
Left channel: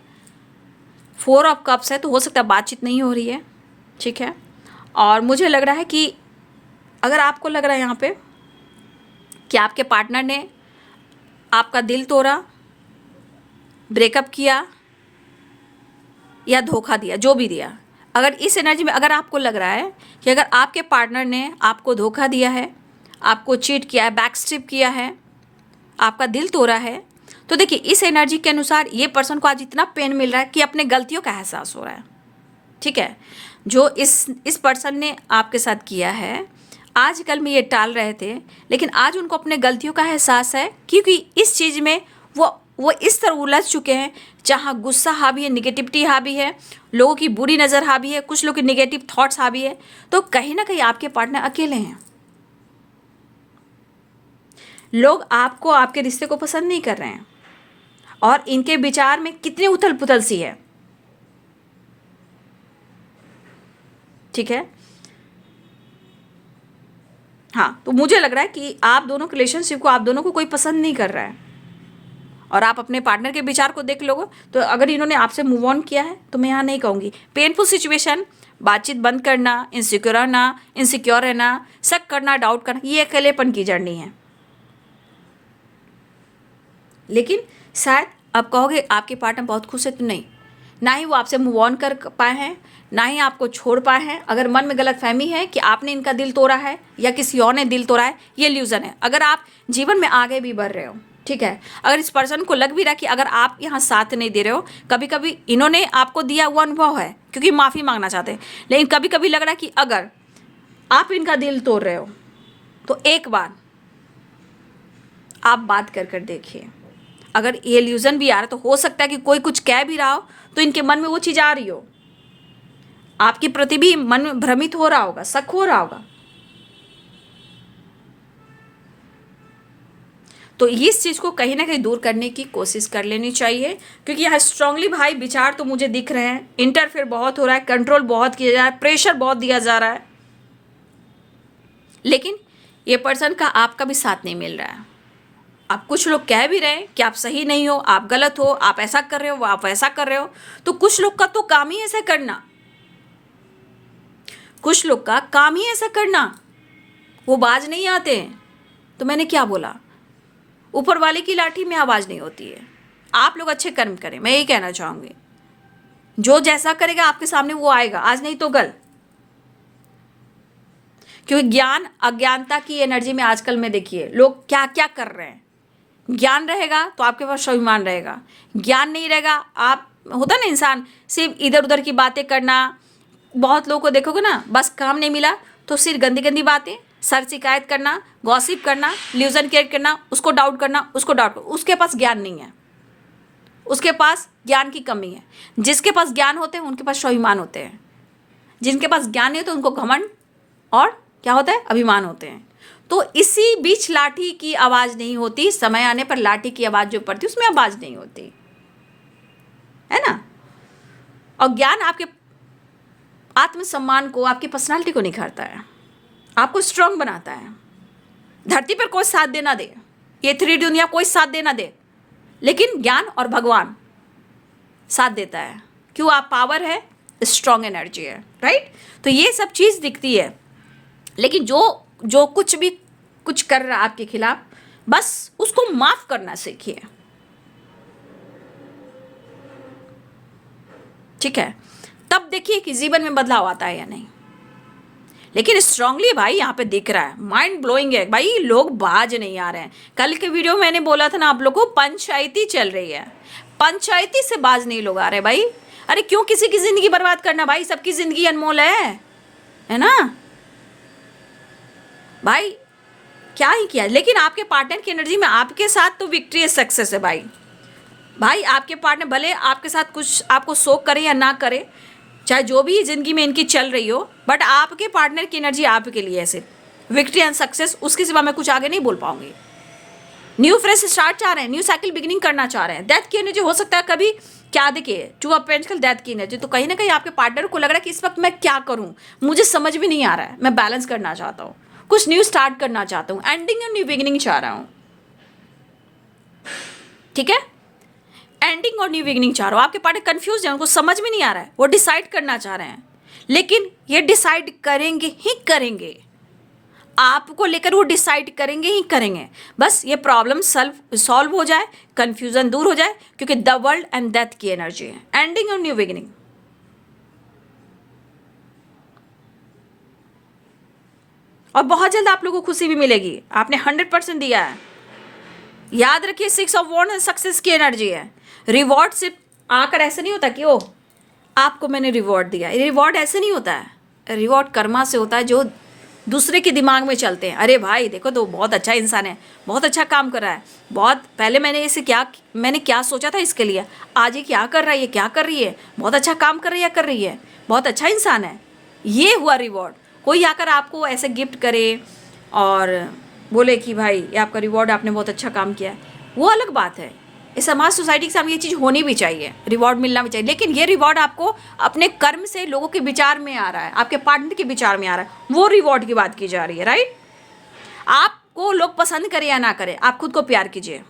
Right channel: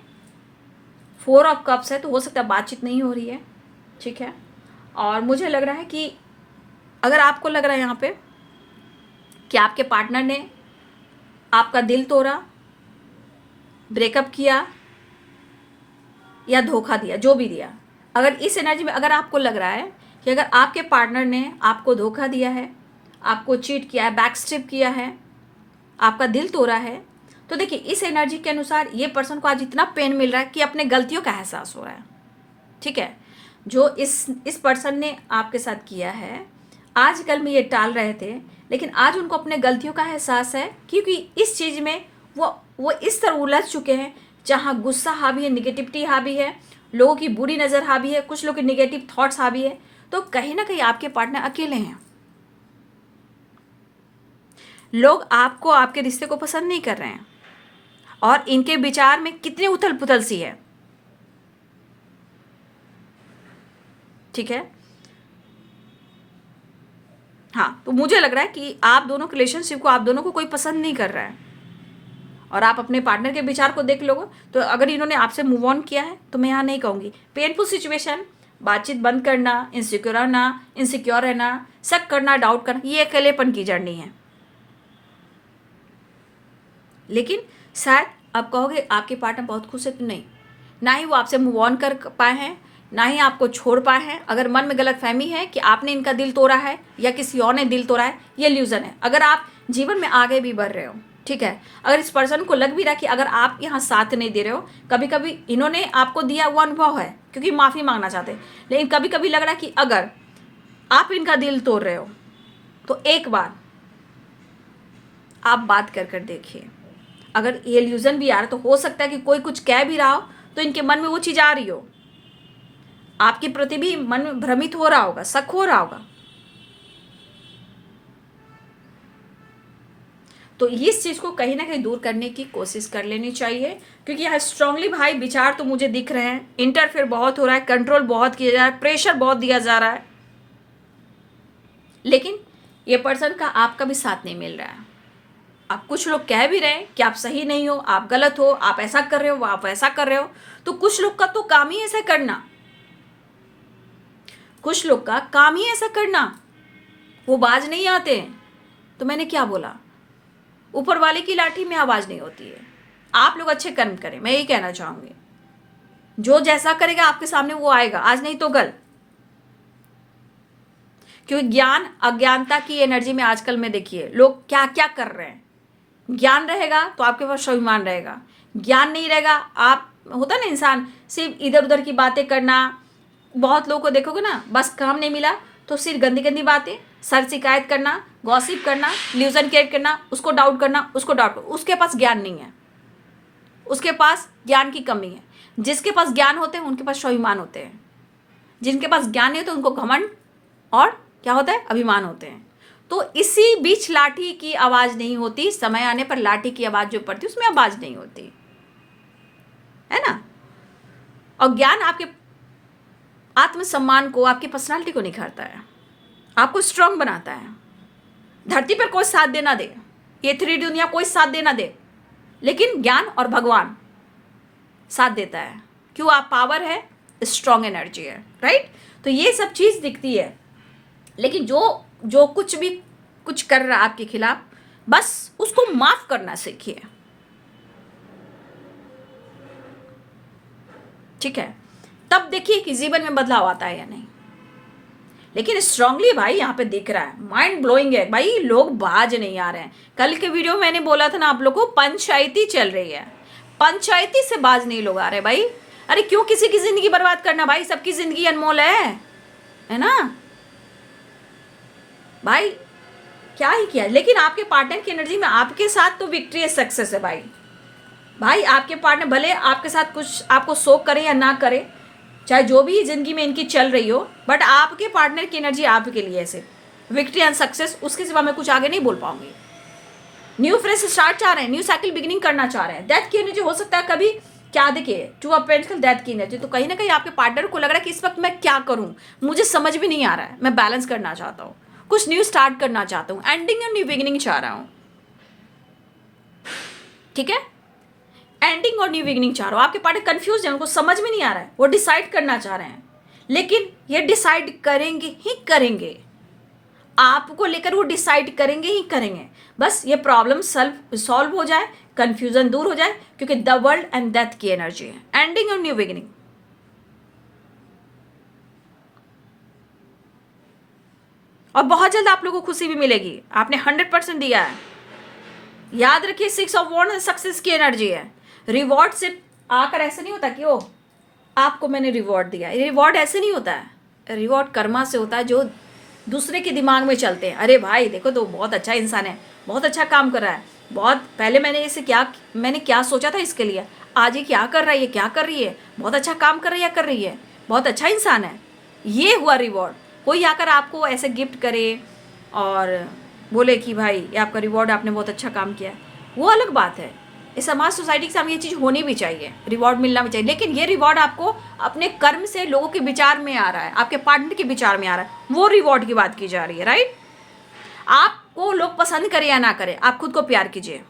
4 ऑफ कप्स है, तो हो सकता है बातचीत नहीं हो रही है, ठीक है। और मुझे लग रहा है कि अगर आपको लग रहा है यहाँ पे कि आपके पार्टनर ने आपका दिल तोड़ा, ब्रेकअप किया या धोखा दिया, जो भी दिया, अगर इस एनर्जी में अगर आपको लग रहा है कि अगर आपके पार्टनर ने आपको धोखा दिया है, आपको चीट किया है, बैकस्टेप किया है, आपका दिल तोड़ा है, तो देखिए इस एनर्जी के अनुसार ये पर्सन को आज इतना पेन मिल रहा है कि अपने गलतियों का एहसास हो रहा है, ठीक है। जो इस पर्सन ने आपके साथ किया है, आजकल में ये टाल रहे थे, लेकिन आज उनको अपने गलतियों का एहसास है, क्योंकि इस चीज़ में वो इस तरह उलझ चुके हैं, जहाँ गुस्सा हावी है, निगेटिविटी हावी है, लोगों की बुरी नज़र हावी है, कुछ लोग के निगेटिव थॉट्स हावी है। तो कहीं ना कहीं आपके पार्टनर अकेले हैं, लोग आपको, आपके रिश्ते को पसंद नहीं कर रहे हैं, और इनके विचार में कितनी उथल पुथल सी है, ठीक है। हाँ, तो मुझे लग रहा है कि आप दोनों के रिलेशनशिप को, आप दोनों को कोई पसंद नहीं कर रहा है, और आप अपने पार्टनर के विचार को देख लोगे तो अगर इन्होंने आपसे मूव ऑन किया है, तो मैं यहाँ नहीं कहूँगी पेनफुल सिचुएशन, बातचीत बंद करना, इनसिक्योर रहना, शक करना, डाउट करना, ये अकेलेपन की जर्नी है। लेकिन शायद आप कहोगे आपके पार्टनर बहुत खुश है, तो नहीं, ना ही वो आपसे मूव ऑन कर पाए हैं, ना ही आपको छोड़ पाए हैं। अगर मन में गलत फहमी है कि आपने इनका दिल तोड़ा है या किसी और ने दिल तोड़ा है, ये इल्यूजन है। अगर आप जीवन में आगे भी बढ़ रहे हो, ठीक है, अगर इस पर्सन को लग भी रहा कि अगर आप यहाँ साथ नहीं दे रहे हो, कभी कभी इन्होंने आपको दिया हुआ अनुभव है क्योंकि माफ़ी मांगना चाहते हैं, लेकिन कभी कभी लग रहा है कि अगर आप इनका दिल तोड़ रहे हो तो एक बार आप बात कर देखिए। अगर ये इल्यूजन भी आ रहा है तो हो सकता है कि कोई कुछ कह भी रहा हो तो इनके मन में वो चीज़ आ रही हो, आपके प्रति भी मन में भ्रमित हो रहा होगा, शक हो रहा होगा। तो इस चीज़ को कहीं ना कहीं दूर करने की कोशिश कर लेनी चाहिए, क्योंकि यहाँ स्ट्रांगली भाई विचार तो मुझे दिख रहे हैं, इंटरफेयर बहुत हो रहा है, कंट्रोल बहुत किया जा रहा है, प्रेशर बहुत दिया जा रहा है, लेकिन ये पर्सन का आपका भी साथ नहीं मिल रहा है। आप कुछ लोग कह भी रहे हैं कि आप सही नहीं हो, आप गलत हो, आप ऐसा कर रहे हो, आप वैसा कर रहे हो, तो कुछ लोग का तो काम ही ऐसा करना, कुछ लोग का काम ही ऐसा करना, वो बाज नहीं आते हैं। तो मैंने क्या बोला, ऊपर वाले की लाठी में आवाज नहीं होती है। आप लोग अच्छे कर्म करें, मैं यही कहना चाहूंगी। जो जैसा करेगा आपके सामने वो आएगा, आज नहीं तो कल। क्योंकि ज्ञान अज्ञानता की एनर्जी में आजकल में देखिए लोग क्या क्या कर रहे हैं। ज्ञान रहेगा तो आपके पास स्वाभिमान रहेगा, ज्ञान नहीं रहेगा, आप होता ना इंसान सिर्फ इधर उधर की बातें करना। बहुत लोगों को देखोगे ना, बस काम नहीं मिला तो सिर्फ गंदी गंदी बातें, सर शिकायत करना, गॉसिप करना, ल्यूजन क्रिएट करना, उसको डाउट करना, उसको डाउट, उसके पास ज्ञान नहीं है, उसके पास ज्ञान की कमी है। जिसके पास ज्ञान होते हैं उनके पास स्वाभिमान होते हैं, जिनके पास ज्ञान नहीं तो उनको घमंड और क्या होता है, अभिमान होते हैं। तो इसी बीच लाठी की आवाज नहीं होती, समय आने पर लाठी की आवाज जो पड़ती उसमें आवाज नहीं होती है ना। और ज्ञान आपके आत्मसम्मान को, आपकी पर्सनालिटी को निखारता है, आपको स्ट्रांग बनाता है। धरती पर कोई साथ देना दे, ये 3D दुनिया कोई साथ देना दे, लेकिन ज्ञान और भगवान साथ देता है। क्यों, आप पावर है, स्ट्रांग एनर्जी है, राइट। तो ये सब चीज दिखती है, लेकिन जो जो कुछ भी कुछ कर रहा है आपके खिलाफ, बस उसको माफ करना सीखिए, ठीक है। तब देखिए कि जीवन में बदलाव आता है या नहीं। लेकिन स्ट्रांगली भाई यहाँ पे दिख रहा है, माइंड ब्लोइंग है भाई, लोग बाज नहीं आ रहे हैं। कल के वीडियो में मैंने बोला था ना आप लोगों को, पंचायती चल रही है, पंचायती से बाज नहीं लोग आ रहे भाई। अरे क्यों किसी की जिंदगी बर्बाद करना भाई, सबकी जिंदगी अनमोल है ना भाई। क्या ही किया, लेकिन आपके पार्टनर की एनर्जी में आपके साथ तो विक्ट्री है, सक्सेस है भाई। भाई आपके पार्टनर भले आपके साथ कुछ आपको शोक करे या ना करे, चाहे जो भी जिंदगी में इनकी चल रही हो, बट आपके पार्टनर की एनर्जी आपके लिए ऐसे विक्ट्री एंड सक्सेस, उसके सिवा मैं कुछ आगे नहीं बोल पाऊंगी। न्यू फ्रेश स्टार्ट चाह रहे हैं, न्यू साइकिल बिगिनिंग करना चाह रहे हैं। डेथ की एनर्जी हो सकता है कभी, क्या देखिए 2 ऑफ पेंटिकल, डेथ की एनर्जी। तो कहीं ना कहीं आपके पार्टनर को लग रहा है कि इस वक्त मैं क्या करूं, मुझे समझ भी नहीं आ रहा है, मैं बैलेंस करना चाहता हूँ, कुछ न्यू स्टार्ट करना चाहता हूँ, एंडिंग एंड न्यू बिगिनिंग चाह रहा हूँ, ठीक है। एंडिंग और न्यू बिगिनिंग चाह रहा हूँ। आपके पार्टनर कंफ्यूज है, उनको समझ में नहीं आ रहा है, वो डिसाइड करना चाह रहे हैं, लेकिन ये डिसाइड करेंगे ही करेंगे, आपको लेकर वो डिसाइड करेंगे ही करेंगे। बस ये प्रॉब्लम सॉल्व हो जाए, कंफ्यूजन दूर हो जाए, क्योंकि द वर्ल्ड एंड डेथ की एनर्जी है, एंडिंग और न्यू बिगिनिंग। और बहुत जल्द आप लोगों को खुशी भी मिलेगी, आपने 100% दिया है। याद रखिए 6 ऑफ वॉन्ड्स सक्सेस की एनर्जी है। रिवॉर्ड सिर्फ आकर ऐसे नहीं होता कि ओ आपको मैंने रिवॉर्ड दिया, रिवॉर्ड ऐसे नहीं होता है, रिवॉर्ड कर्मा से होता है, जो दूसरे के दिमाग में चलते हैं। अरे भाई देखो तो बहुत अच्छा इंसान है, बहुत अच्छा काम कर रहा है, बहुत पहले मैंने क्या सोचा था इसके लिए, आज ये क्या कर रहा है, ये क्या कर रही है, बहुत अच्छा काम कर रही है, कर रही है, बहुत अच्छा इंसान है, ये हुआ रिवॉर्ड। कोई आकर आपको ऐसे गिफ्ट करे और बोले कि भाई ये आपका रिवॉर्ड, आपने बहुत अच्छा काम किया, वो अलग बात है। इस समाज सोसाइटी के सामने ये चीज़ होनी भी चाहिए, रिवॉर्ड मिलना भी चाहिए, लेकिन ये रिवॉर्ड आपको अपने कर्म से लोगों के विचार में आ रहा है, आपके पार्टनर के विचार में आ रहा है, वो रिवॉर्ड की बात की जा रही है, राइट। आपको लोग पसंद करें या ना करें, आप खुद को प्यार कीजिए,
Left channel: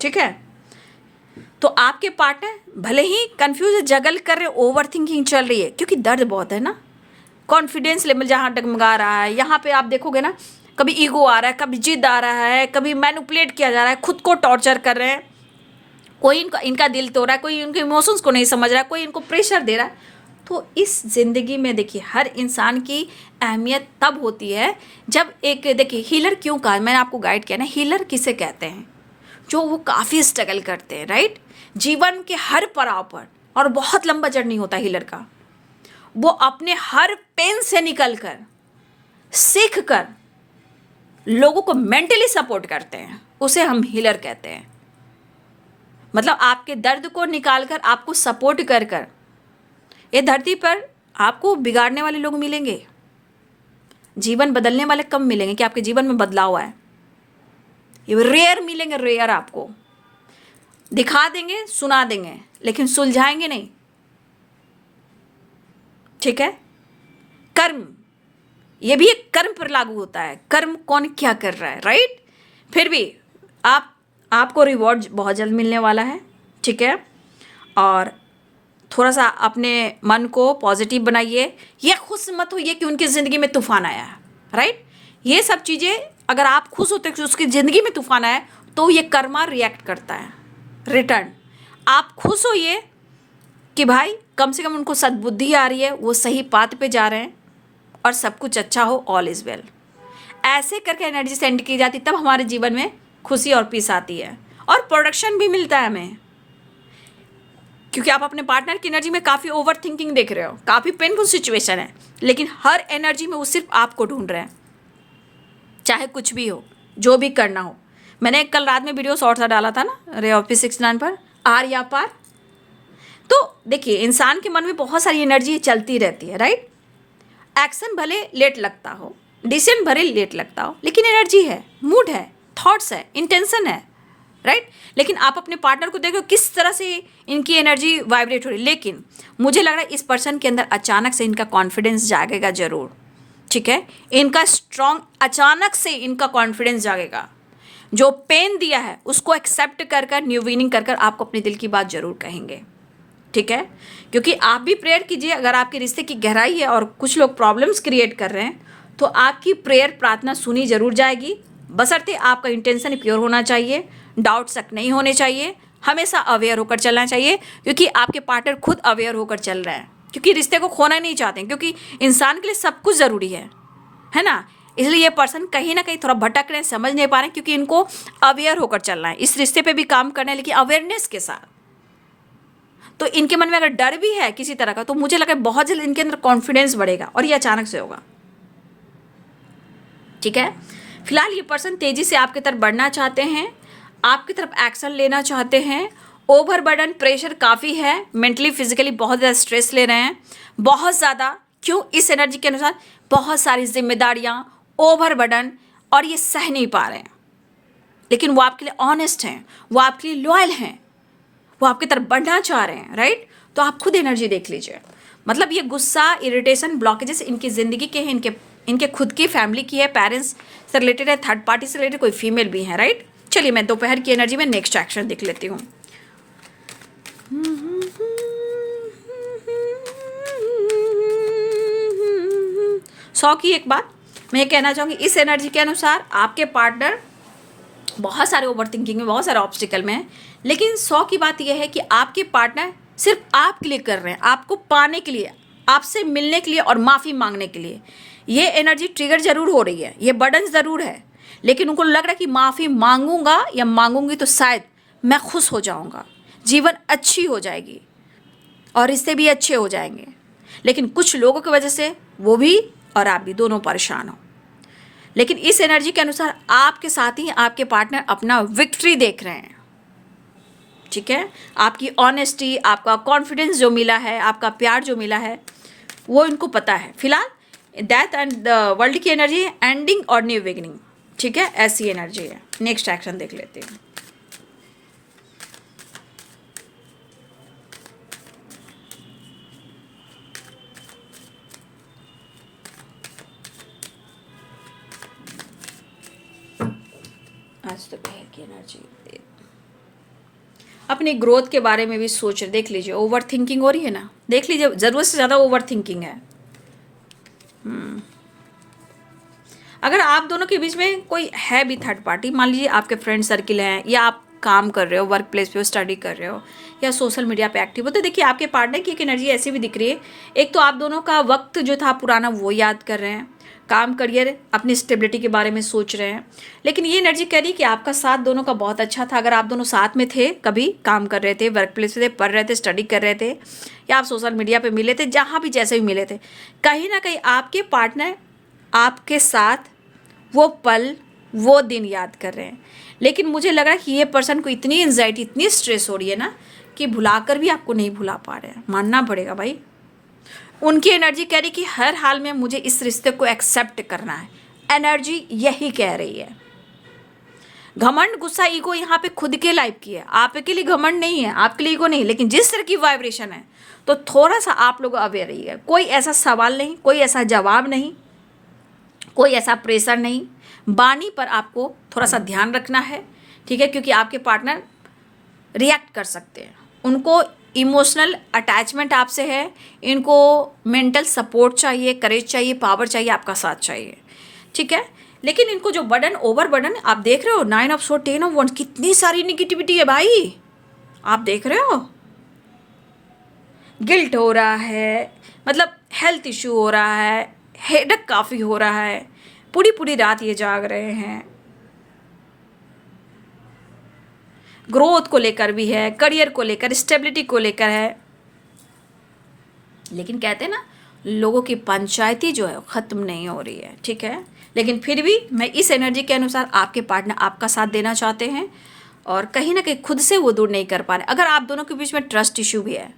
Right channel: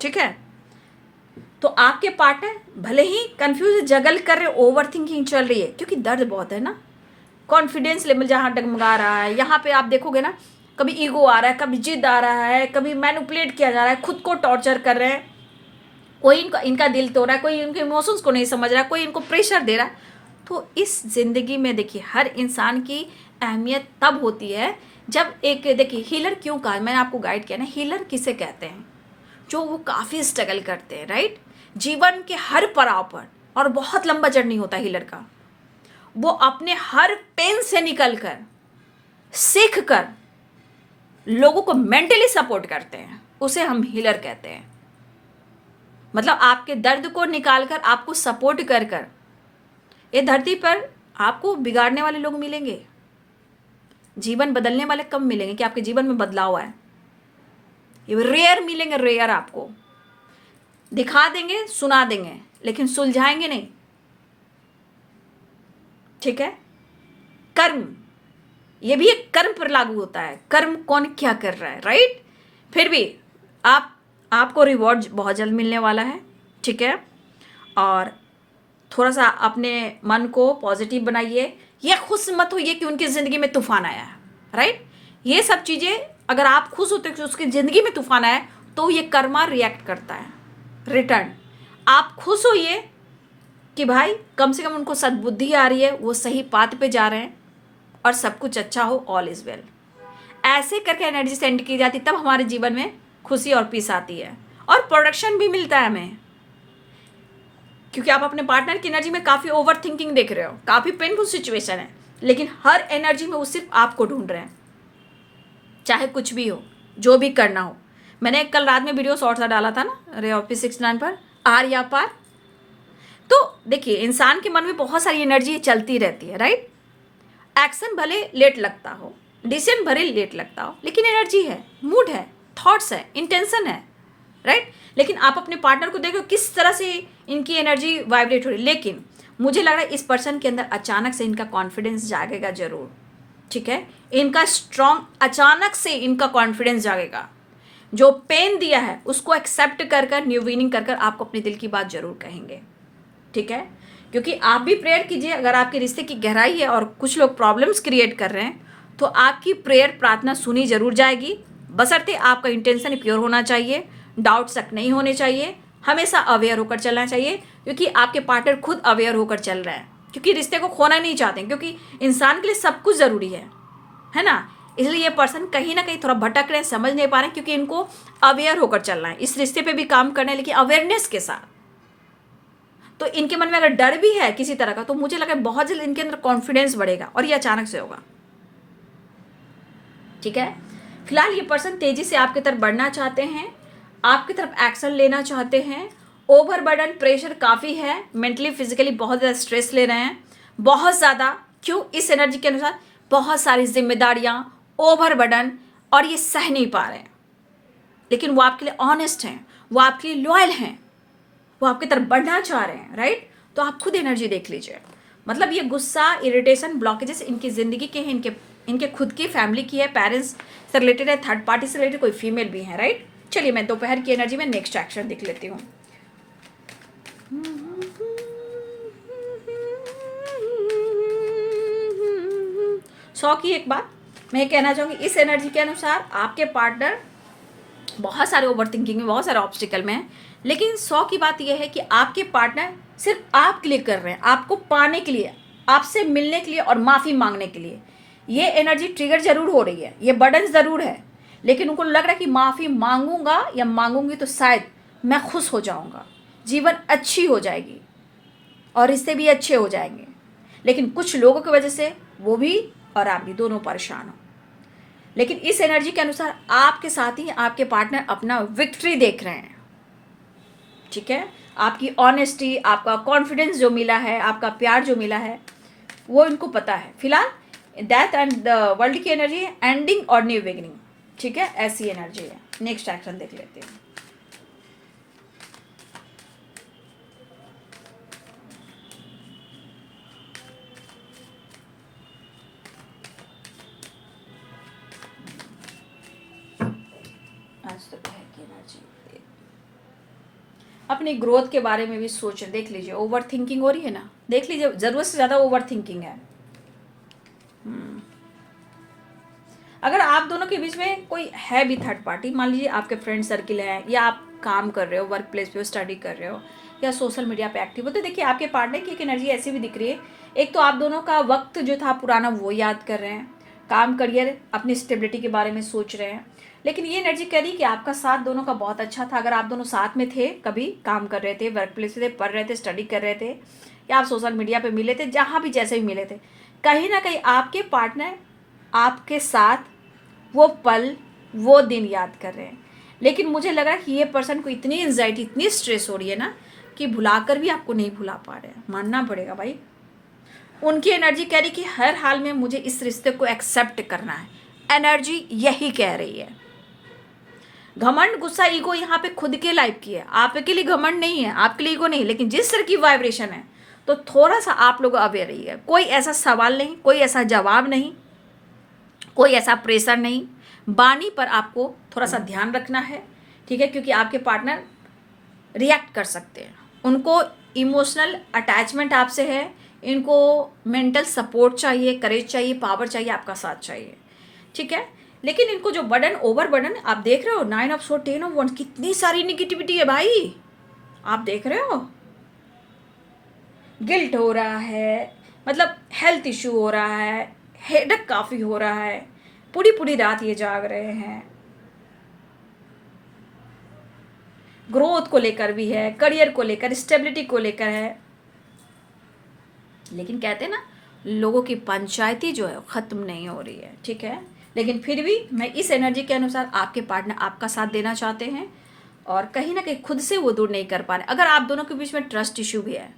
ठीक है। तो आपके पार्टनर भले ही कंफ्यूज, जगल कर रहे, ओवर थिंकिंग चल रही है, क्योंकि दर्द बहुत है ना, कॉन्फिडेंस लेवल जहाँ डगमगा रहा है, यहाँ पे आप देखोगे ना, कभी ईगो आ रहा है, कभी जिद आ रहा है, कभी मैनिपुलेट किया जा रहा है, खुद को टॉर्चर कर रहे हैं, कोई इनका दिल तोड़ रहा है, कोई इनके इमोशंस को नहीं समझ रहा है, कोई इनको प्रेशर दे रहा है। तो इस ज़िंदगी में देखिए हर इंसान की अहमियत तब होती है जब एक, देखिए हीलर क्यों कहा, मैंने आपको गाइड किया ना, हीलर किसे कहते हैं, जो वो काफ़ी स्ट्रगल करते हैं, राइट, जीवन के हर पड़ाव पर, और बहुत लंबा जर्नी होता है हीलर का, वो अपने हर पेन से निकल कर, सीख कर लोगों को मेंटली सपोर्ट करते हैं, उसे हम हीलर कहते हैं। मतलब आपके दर्द को निकाल कर, आपको सपोर्ट कर कर, ये धरती पर आपको बिगाड़ने वाले लोग मिलेंगे, जीवन बदलने वाले कम मिलेंगे कि आपके जीवन में बदलाव आए, ये रेयर मिलेंगे, रेयर। आपको दिखा देंगे, सुना देंगे, लेकिन सुलझाएंगे नहीं, ठीक है। कर्म, ये भी एक कर्म पर लागू होता है, कर्म कौन क्या कर रहा है, राइट। फिर भी आपको रिवॉर्ड बहुत जल्द मिलने वाला है, ठीक है। और थोड़ा सा अपने मन को पॉजिटिव बनाइए, ये खुश मत होइए कि उनकी ज़िंदगी में तूफान आया है, राइट। ये सब चीज़ें, अगर आप खुश होते कि उसकी ज़िंदगी में तूफान आया, तो ये कर्मा रिएक्ट करता है रिटर्न। आप खुश होइए कि भाई कम से कम उनको सद्बुद्धि आ रही है, वो सही पाथ पे जा रहे हैं, और सब कुछ अच्छा हो, ऑल इज़ वेल। ऐसे करके एनर्जी सेंड की जाती, तब हमारे जीवन में खुशी और पीस आती है, और प्रोडक्शन भी मिलता है हमें, क्योंकि आप अपने पार्टनर की एनर्जी में काफ़ी ओवर थिंकिंग देख रहे हो, काफ़ी पेनफुल सिचुएशन है, लेकिन हर एनर्जी में वो सिर्फ आपको ढूंढ रहे हैं, चाहे कुछ भी हो, जो भी करना हो। मैंने कल रात में वीडियो शॉर्ट सा डाला था ना, रे ऑफिस 69 पर, आर या पार। तो देखिए इंसान के मन में बहुत सारी एनर्जी चलती रहती है, राइट। एक्शन भले लेट लगता हो, डिसीजन भले लेट लगता हो, लेकिन एनर्जी है, मूड है, थॉट्स है, इंटेंशन है, राइट। लेकिन आप अपने पार्टनर को देखो किस तरह से इनकी एनर्जी वाइब्रेट हो रही है। लेकिन मुझे लग रहा है इस पर्सन के अंदर अचानक से इनका कॉन्फिडेंस जागेगा जरूर, ठीक है। इनका स्ट्रॉन्ग, अचानक से इनका कॉन्फिडेंस जागेगा, जो पेन दिया है उसको एक्सेप्ट कर कर, न्यू विनिंग कर कर आपको अपने दिल की बात जरूर कहेंगे, ठीक है। क्योंकि आप भी प्रेयर कीजिए, अगर आपके रिश्ते की गहराई है और कुछ लोग प्रॉब्लम्स क्रिएट कर रहे हैं, तो आपकी प्रेयर, प्रार्थना सुनी जरूर जाएगी, बशर्ते आपका इंटेंशन प्योर होना चाहिए, डाउट शक नहीं होने चाहिए, हमेशा अवेयर होकर चलना चाहिए, क्योंकि आपके पार्टनर खुद अवेयर होकर चल रहे हैं, क्योंकि रिश्ते को खोना नहीं चाहते, क्योंकि इंसान के लिए सब कुछ ज़रूरी है ना। इसलिए ये पर्सन कहीं ना कहीं थोड़ा भटक रहे हैं, समझ नहीं पा रहे हैं, क्योंकि इनको अवेयर होकर चलना है, इस रिश्ते पे भी काम करना है, लेकिन अवेयरनेस के साथ। तो इनके मन में अगर डर भी है किसी तरह का, तो मुझे लगा बहुत जल्द इनके अंदर कॉन्फिडेंस बढ़ेगा, और ये अचानक से होगा, ठीक है। फिलहाल ये पर्सन तेजी से आपकी तरफ बढ़ना चाहते हैं, आपकी तरफ एक्शन लेना चाहते हैं। ओवरबर्डन, प्रेशर काफ़ी है, मेंटली फिजिकली बहुत ज़्यादा स्ट्रेस ले रहे हैं, बहुत ज़्यादा। क्यों? इस एनर्जी के अनुसार बहुत सारी जिम्मेदारियां, ओवरबर्डन, और ये सह नहीं पा रहे हैं। लेकिन वो आपके लिए ऑनेस्ट हैं, वो आपके लिए लॉयल हैं, वो आपकी तरफ बढ़ना चाह रहे हैं, राइट। तो आप खुद एनर्जी देख लीजिए। मतलब ये गुस्सा, इरिटेशन, ब्लॉकेजेस इनकी ज़िंदगी के हैं, इनके खुद की फैमिली की है, पेरेंट्स से रिलेटेड है, थर्ड पार्टी से रिलेटेड, कोई फीमेल भी है, राइट। चलिए मैं दोपहर की एनर्जी में नेक्स्ट एक्शन देख लेती हूँ। सौ की एक बात मैं ये कहना चाहूँगी, इस एनर्जी के अनुसार आपके पार्टनर बहुत सारे ओवर थिंकिंग में, बहुत सारे ऑब्स्टिकल में है, लेकिन 100 की बात यह है कि आपके पार्टनर सिर्फ आपके लिए कर रहे हैं, आपको पाने के लिए, आपसे मिलने के लिए और माफ़ी मांगने के लिए। ये एनर्जी ट्रिगर जरूर हो रही है, ये बर्डन ज़रूर है, लेकिन उनको लग रहा है कि माफ़ी मांगूंगा या मांगूंगी तो शायद मैं खुश हो जाऊंगा, जीवन अच्छी हो जाएगी और रिश्ते भी अच्छे हो जाएंगे। लेकिन कुछ लोगों की वजह से वो भी और आप भी दोनों परेशान हो। लेकिन इस एनर्जी के अनुसार आपके साथ ही आपके पार्टनर अपना विक्ट्री देख रहे हैं, ठीक है। आपकी ऑनेस्टी, आपका कॉन्फिडेंस जो मिला है, आपका प्यार जो मिला है, वो इनको पता है। फिलहाल डेथ एंड द वर्ल्ड की एनर्जी है, एंडिंग और न्यू बिगिनिंग, ठीक है, ऐसी एनर्जी है। नेक्स्ट एक्शन देख लेते हैं। आज तो है की एनर्जी, अपनी ग्रोथ के बारे में भी सोच रहे। देख लीजिए ओवर थिंकिंग हो रही है ना, देख लीजिए ज़रूरत से ज़्यादा ओवर थिंकिंग है। अगर आप दोनों के बीच में कोई है भी थर्ड पार्टी, मान लीजिए आपके फ्रेंड सर्किल हैं, या आप काम कर रहे हो, वर्क प्लेस पे स्टडी कर रहे हो, या सोशल मीडिया पे एक्टिव हो, तो देखिए आपके पार्टनर की एक एनर्जी ऐसी भी दिख रही है। एक तो आप दोनों का वक्त जो था पुराना वो याद कर रहे हैं, काम करियर अपनी स्टेबिलिटी के बारे में सोच रहे हैं। लेकिन ये एनर्जी कह रही है कि आपका साथ दोनों का बहुत अच्छा था। अगर आप दोनों साथ में थे, कभी काम कर रहे थे, वर्क प्लेस पे थे, पढ़ रहे थे, स्टडी कर रहे थे, या आप सोशल मीडिया पे मिले थे, जहाँ भी जैसे भी मिले थे, कहीं ना कहीं आपके पार्टनर आपके साथ वो पल वो दिन याद कर रहे हैं। लेकिन मुझे लग रहा है कि ये पर्सन को इतनी एंजाइटी, इतनी स्ट्रेस हो रही है ना, कि भुलाकर भी आपको नहीं भुला पा रहे हैं। मानना पड़ेगा भाई, उनकी एनर्जी कह रही कि हर हाल में मुझे इस रिश्ते को एक्सेप्ट करना है। एनर्जी यही कह रही है। घमंड, गुस्सा, ईगो यहाँ पे खुद के लाइफ की है, आपके लिए घमंड नहीं है, आपके लिए ईगो नहीं। लेकिन जिस तरह की वाइब्रेशन है, तो थोड़ा सा आप लोग अवेयर रहिए। कोई ऐसा सवाल नहीं, कोई ऐसा जवाब नहीं, कोई ऐसा प्रेशर नहीं। बानी पर आपको थोड़ा सा ध्यान रखना है, ठीक है, क्योंकि आपके पार्टनर रिएक्ट कर सकते हैं। उनको इमोशनल अटैचमेंट आपसे है, इनको मेंटल सपोर्ट चाहिए, करेज चाहिए, पावर चाहिए, आपका साथ चाहिए, ठीक है। लेकिन इनको जो बर्डन, ओवर बर्डन आप देख रहे हो, 9 ऑफ सोर्ड, 10 ऑफ वंस, कितनी सारी निगेटिविटी है भाई, आप देख रहे हो। गिल्ट हो रहा है, मतलब हेल्थ इशू हो रहा है, हेडेक काफ़ी हो रहा है, पूरी पूरी रात ये जाग रहे हैं। ग्रोथ को लेकर भी है, करियर को लेकर, स्टेबिलिटी को लेकर है। लेकिन कहते हैं ना, लोगों की पंचायती जो है ख़त्म नहीं हो रही है, ठीक है। लेकिन फिर भी मैं इस एनर्जी के अनुसार आपके पार्टनर आपका साथ देना चाहते हैं, और कहीं ना कहीं खुद से वो दूर नहीं कर पा रहे। अगर आप दोनों के बीच में ट्रस्ट इशू भी है,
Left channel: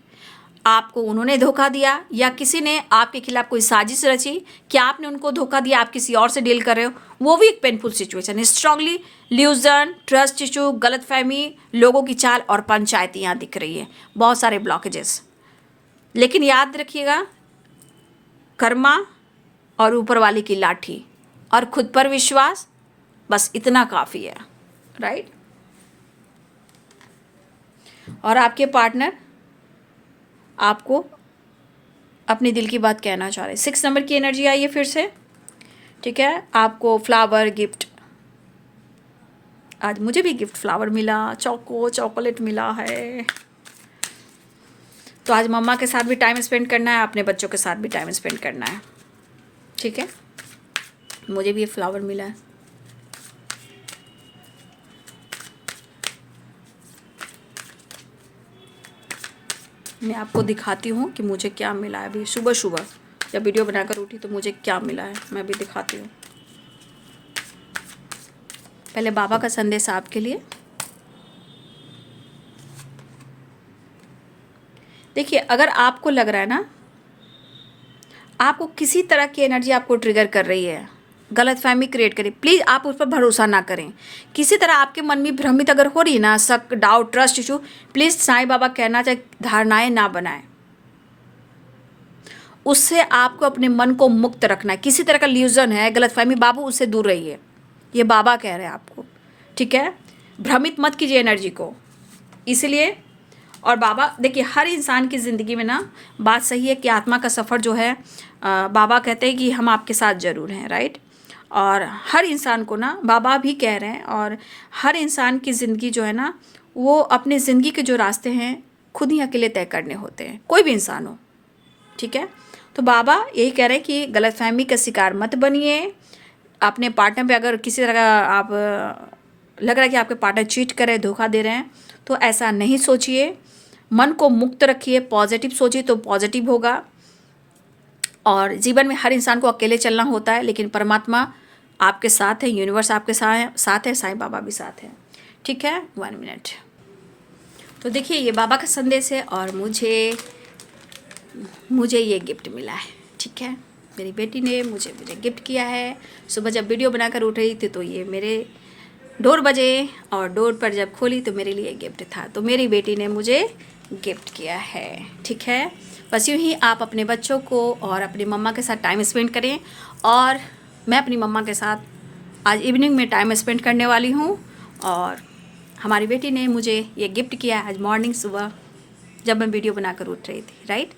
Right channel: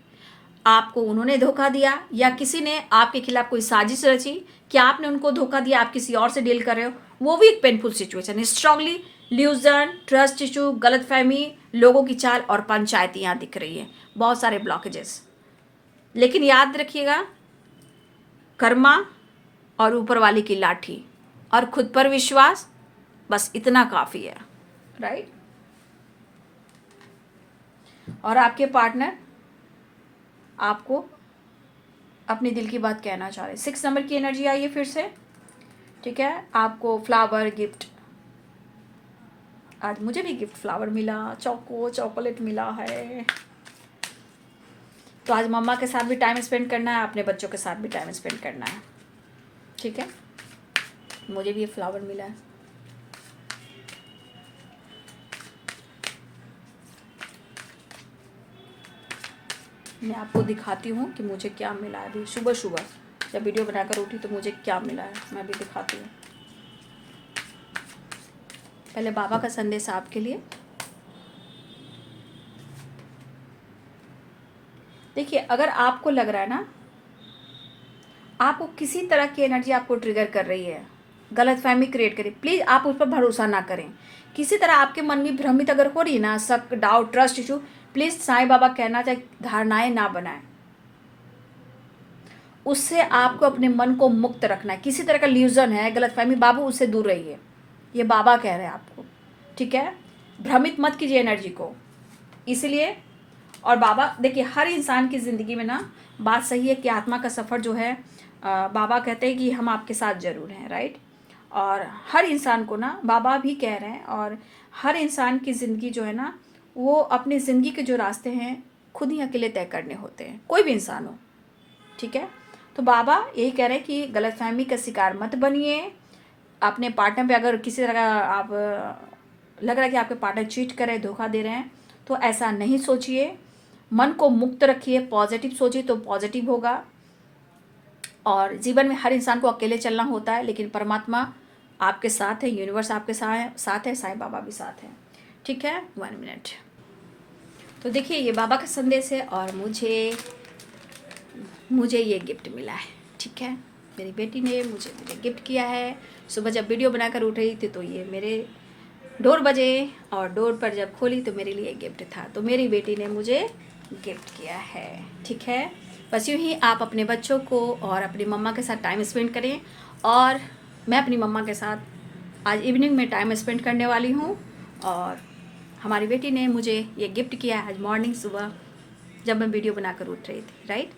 आपको उन्होंने धोखा दिया, या किसी ने आपके खिलाफ कोई साजिश रची, क्या आपने उनको धोखा दिया, आप किसी और से डील कर रहे हो, वो भी एक पेनफुल सिचुएशन है। स्ट्रांगली ल्यूजन, ट्रस्ट इशू, गलतफहमी, लोगों की चाल और पंचायती यहाँ दिख रही है, बहुत सारे ब्लॉकेजेस। लेकिन याद रखिएगा, कर्मा और ऊपर वाली की लाठी और खुद पर विश्वास, बस इतना काफ़ी है, राइट। और आपके पार्टनर आपको अपने दिल की बात कहना चाह रहे हैं। 6 नंबर की एनर्जी आई है फिर से, ठीक है। आपको फ्लावर गिफ्ट, आज मुझे भी गिफ्ट फ्लावर मिला, चॉकलेट मिला है। तो आज मम्मा के साथ भी टाइम स्पेंड करना है, अपने बच्चों के साथ भी टाइम स्पेंड करना है, ठीक है। मुझे भी ये फ्लावर मिला है। मैं आपको दिखाती हूँ कि मुझे क्या मिला है। अभी सुबह सुबह जब वीडियो बनाकर उठी तो मुझे क्या मिला है, मैं अभी दिखाती हूँ। पहले बाबा का संदेश आपके लिए। देखिए, अगर आपको लग रहा है ना, आपको किसी तरह की एनर्जी आपको ट्रिगर कर रही है, गलतफहमी क्रिएट करी, प्लीज़ आप उस पर भरोसा ना करें। किसी तरह आपके मन में भ्रमित अगर हो रही है ना, शक, doubt, trust issue, please Sai Baba कहना चाहे धारणाएं ना बनाएं। उससे आपको अपने मन को मुक्त रखना है। किसी तरह का ल्यूजन है, गलतफहमी, बाबू उससे दूर रहिए, ये बाबा कह रहे हैं आपको, ठीक है। भ्रमित मत कीजिए एनर्जी को, इसलिए। और बाबा देखिए, हर इंसान की ज़िंदगी में ना, बात सही है कि आत्मा का सफ़र जो है, बाबा कहते हैं कि हम आपके साथ ज़रूर हैं, राइट। और हर इंसान को ना, बाबा भी कह रहे हैं, और हर इंसान की ज़िंदगी जो है ना, वो अपने ज़िंदगी के जो रास्ते हैं खुद ही अकेले तय करने होते हैं, कोई भी इंसान हो, ठीक है। तो बाबा यही कह रहे हैं कि गलतफहमी का शिकार मत बनिए। अपने पार्टनर पे अगर किसी तरह का आप लग रहा है कि आपके पार्टनर चीट कर रहे हैं, धोखा दे रहे हैं, तो ऐसा नहीं सोचिए। मन को मुक्त रखिए, पॉजिटिव सोचिए तो पॉजिटिव होगा। और जीवन में हर इंसान को अकेले चलना होता है, लेकिन परमात्मा आपके साथ है, यूनिवर्स आपके साथ है, साईं बाबा भी साथ हैं, ठीक है। 1 मिनट। तो देखिए, ये बाबा का संदेश है, और मुझे ये गिफ्ट मिला है, ठीक है। मेरी बेटी ने मुझे गिफ्ट किया है। सुबह जब वीडियो बनाकर उठ रही थी तो ये मेरे डोर बजे, और डोर पर जब खोली तो मेरे लिए गिफ्ट था। तो मेरी बेटी ने मुझे गिफ्ट किया है, ठीक है। बस यूँ ही आप अपने बच्चों को और अपनी मम्मा के साथ टाइम स्पेंड करें। और मैं अपनी मम्मा के साथ आज इवनिंग में टाइम स्पेंड करने वाली हूँ, और हमारी बेटी ने मुझे ये गिफ्ट किया आज मॉर्निंग सुबह जब मैं वीडियो बनाकर उठ रही थी, राइट।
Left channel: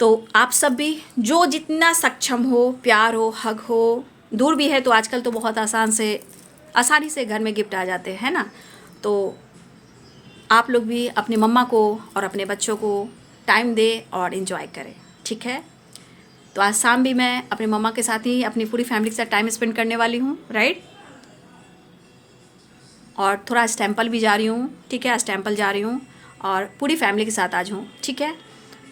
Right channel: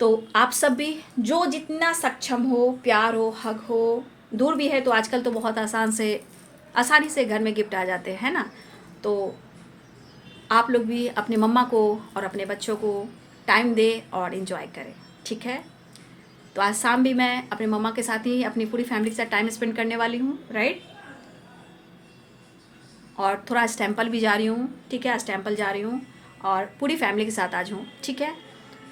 तो आप सब भी जो जितना सक्षम हो, प्यार हो, हग हो, दूर भी है तो आजकल तो बहुत आसानी से घर में गिफ्ट आ जाते हैं ना। तो आप लोग भी अपनी मम्मा को और अपने बच्चों को टाइम दें और इन्जॉय करें, ठीक है। तो आज शाम भी मैं अपनी मम्मा के साथ ही अपनी पूरी फैमिली के साथ टाइम स्पेंड करने वाली हूँ, राइट। और थोड़ा आज टेम्पल भी जा रही हूँ, ठीक है। आज टेम्पल जा रही हूँ और पूरी फैमिली के साथ आज हूँ, ठीक है।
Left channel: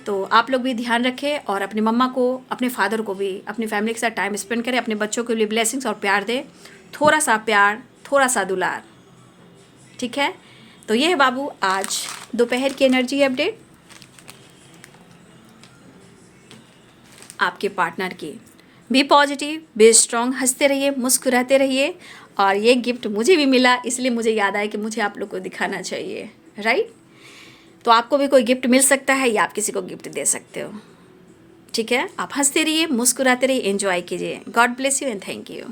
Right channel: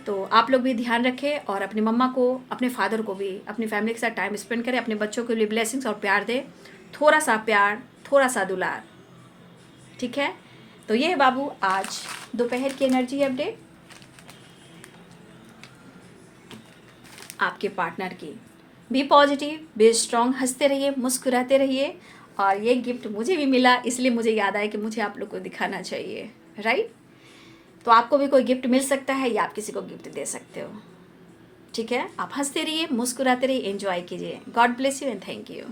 तो आप लोग भी ध्यान रखें और अपनी मम्मा को, अपने फादर को भी अपनी फैमिली के साथ टाइम स्पेंड करें। अपने बच्चों के लिए ब्लेसिंग्स और प्यार दें, थोड़ा सा प्यार, थोड़ा सा दुलार, ठीक है। तो ये है बाबू आज दोपहर की एनर्जी अपडेट आपके पार्टनर की। बी पॉजिटिव, बी स्ट्रॉन्ग, हंसते रहिए, मुस्कुराते रहिए। और ये गिफ्ट मुझे भी मिला, इसलिए मुझे याद आया कि मुझे आप लोग को दिखाना चाहिए, राइट। तो आपको भी कोई गिफ्ट मिल सकता है या आप किसी को गिफ्ट दे सकते हो, ठीक है। आप हंसते रहिए, मुस्कुराते रहिए, एंजॉय कीजिए। God bless you and thank you.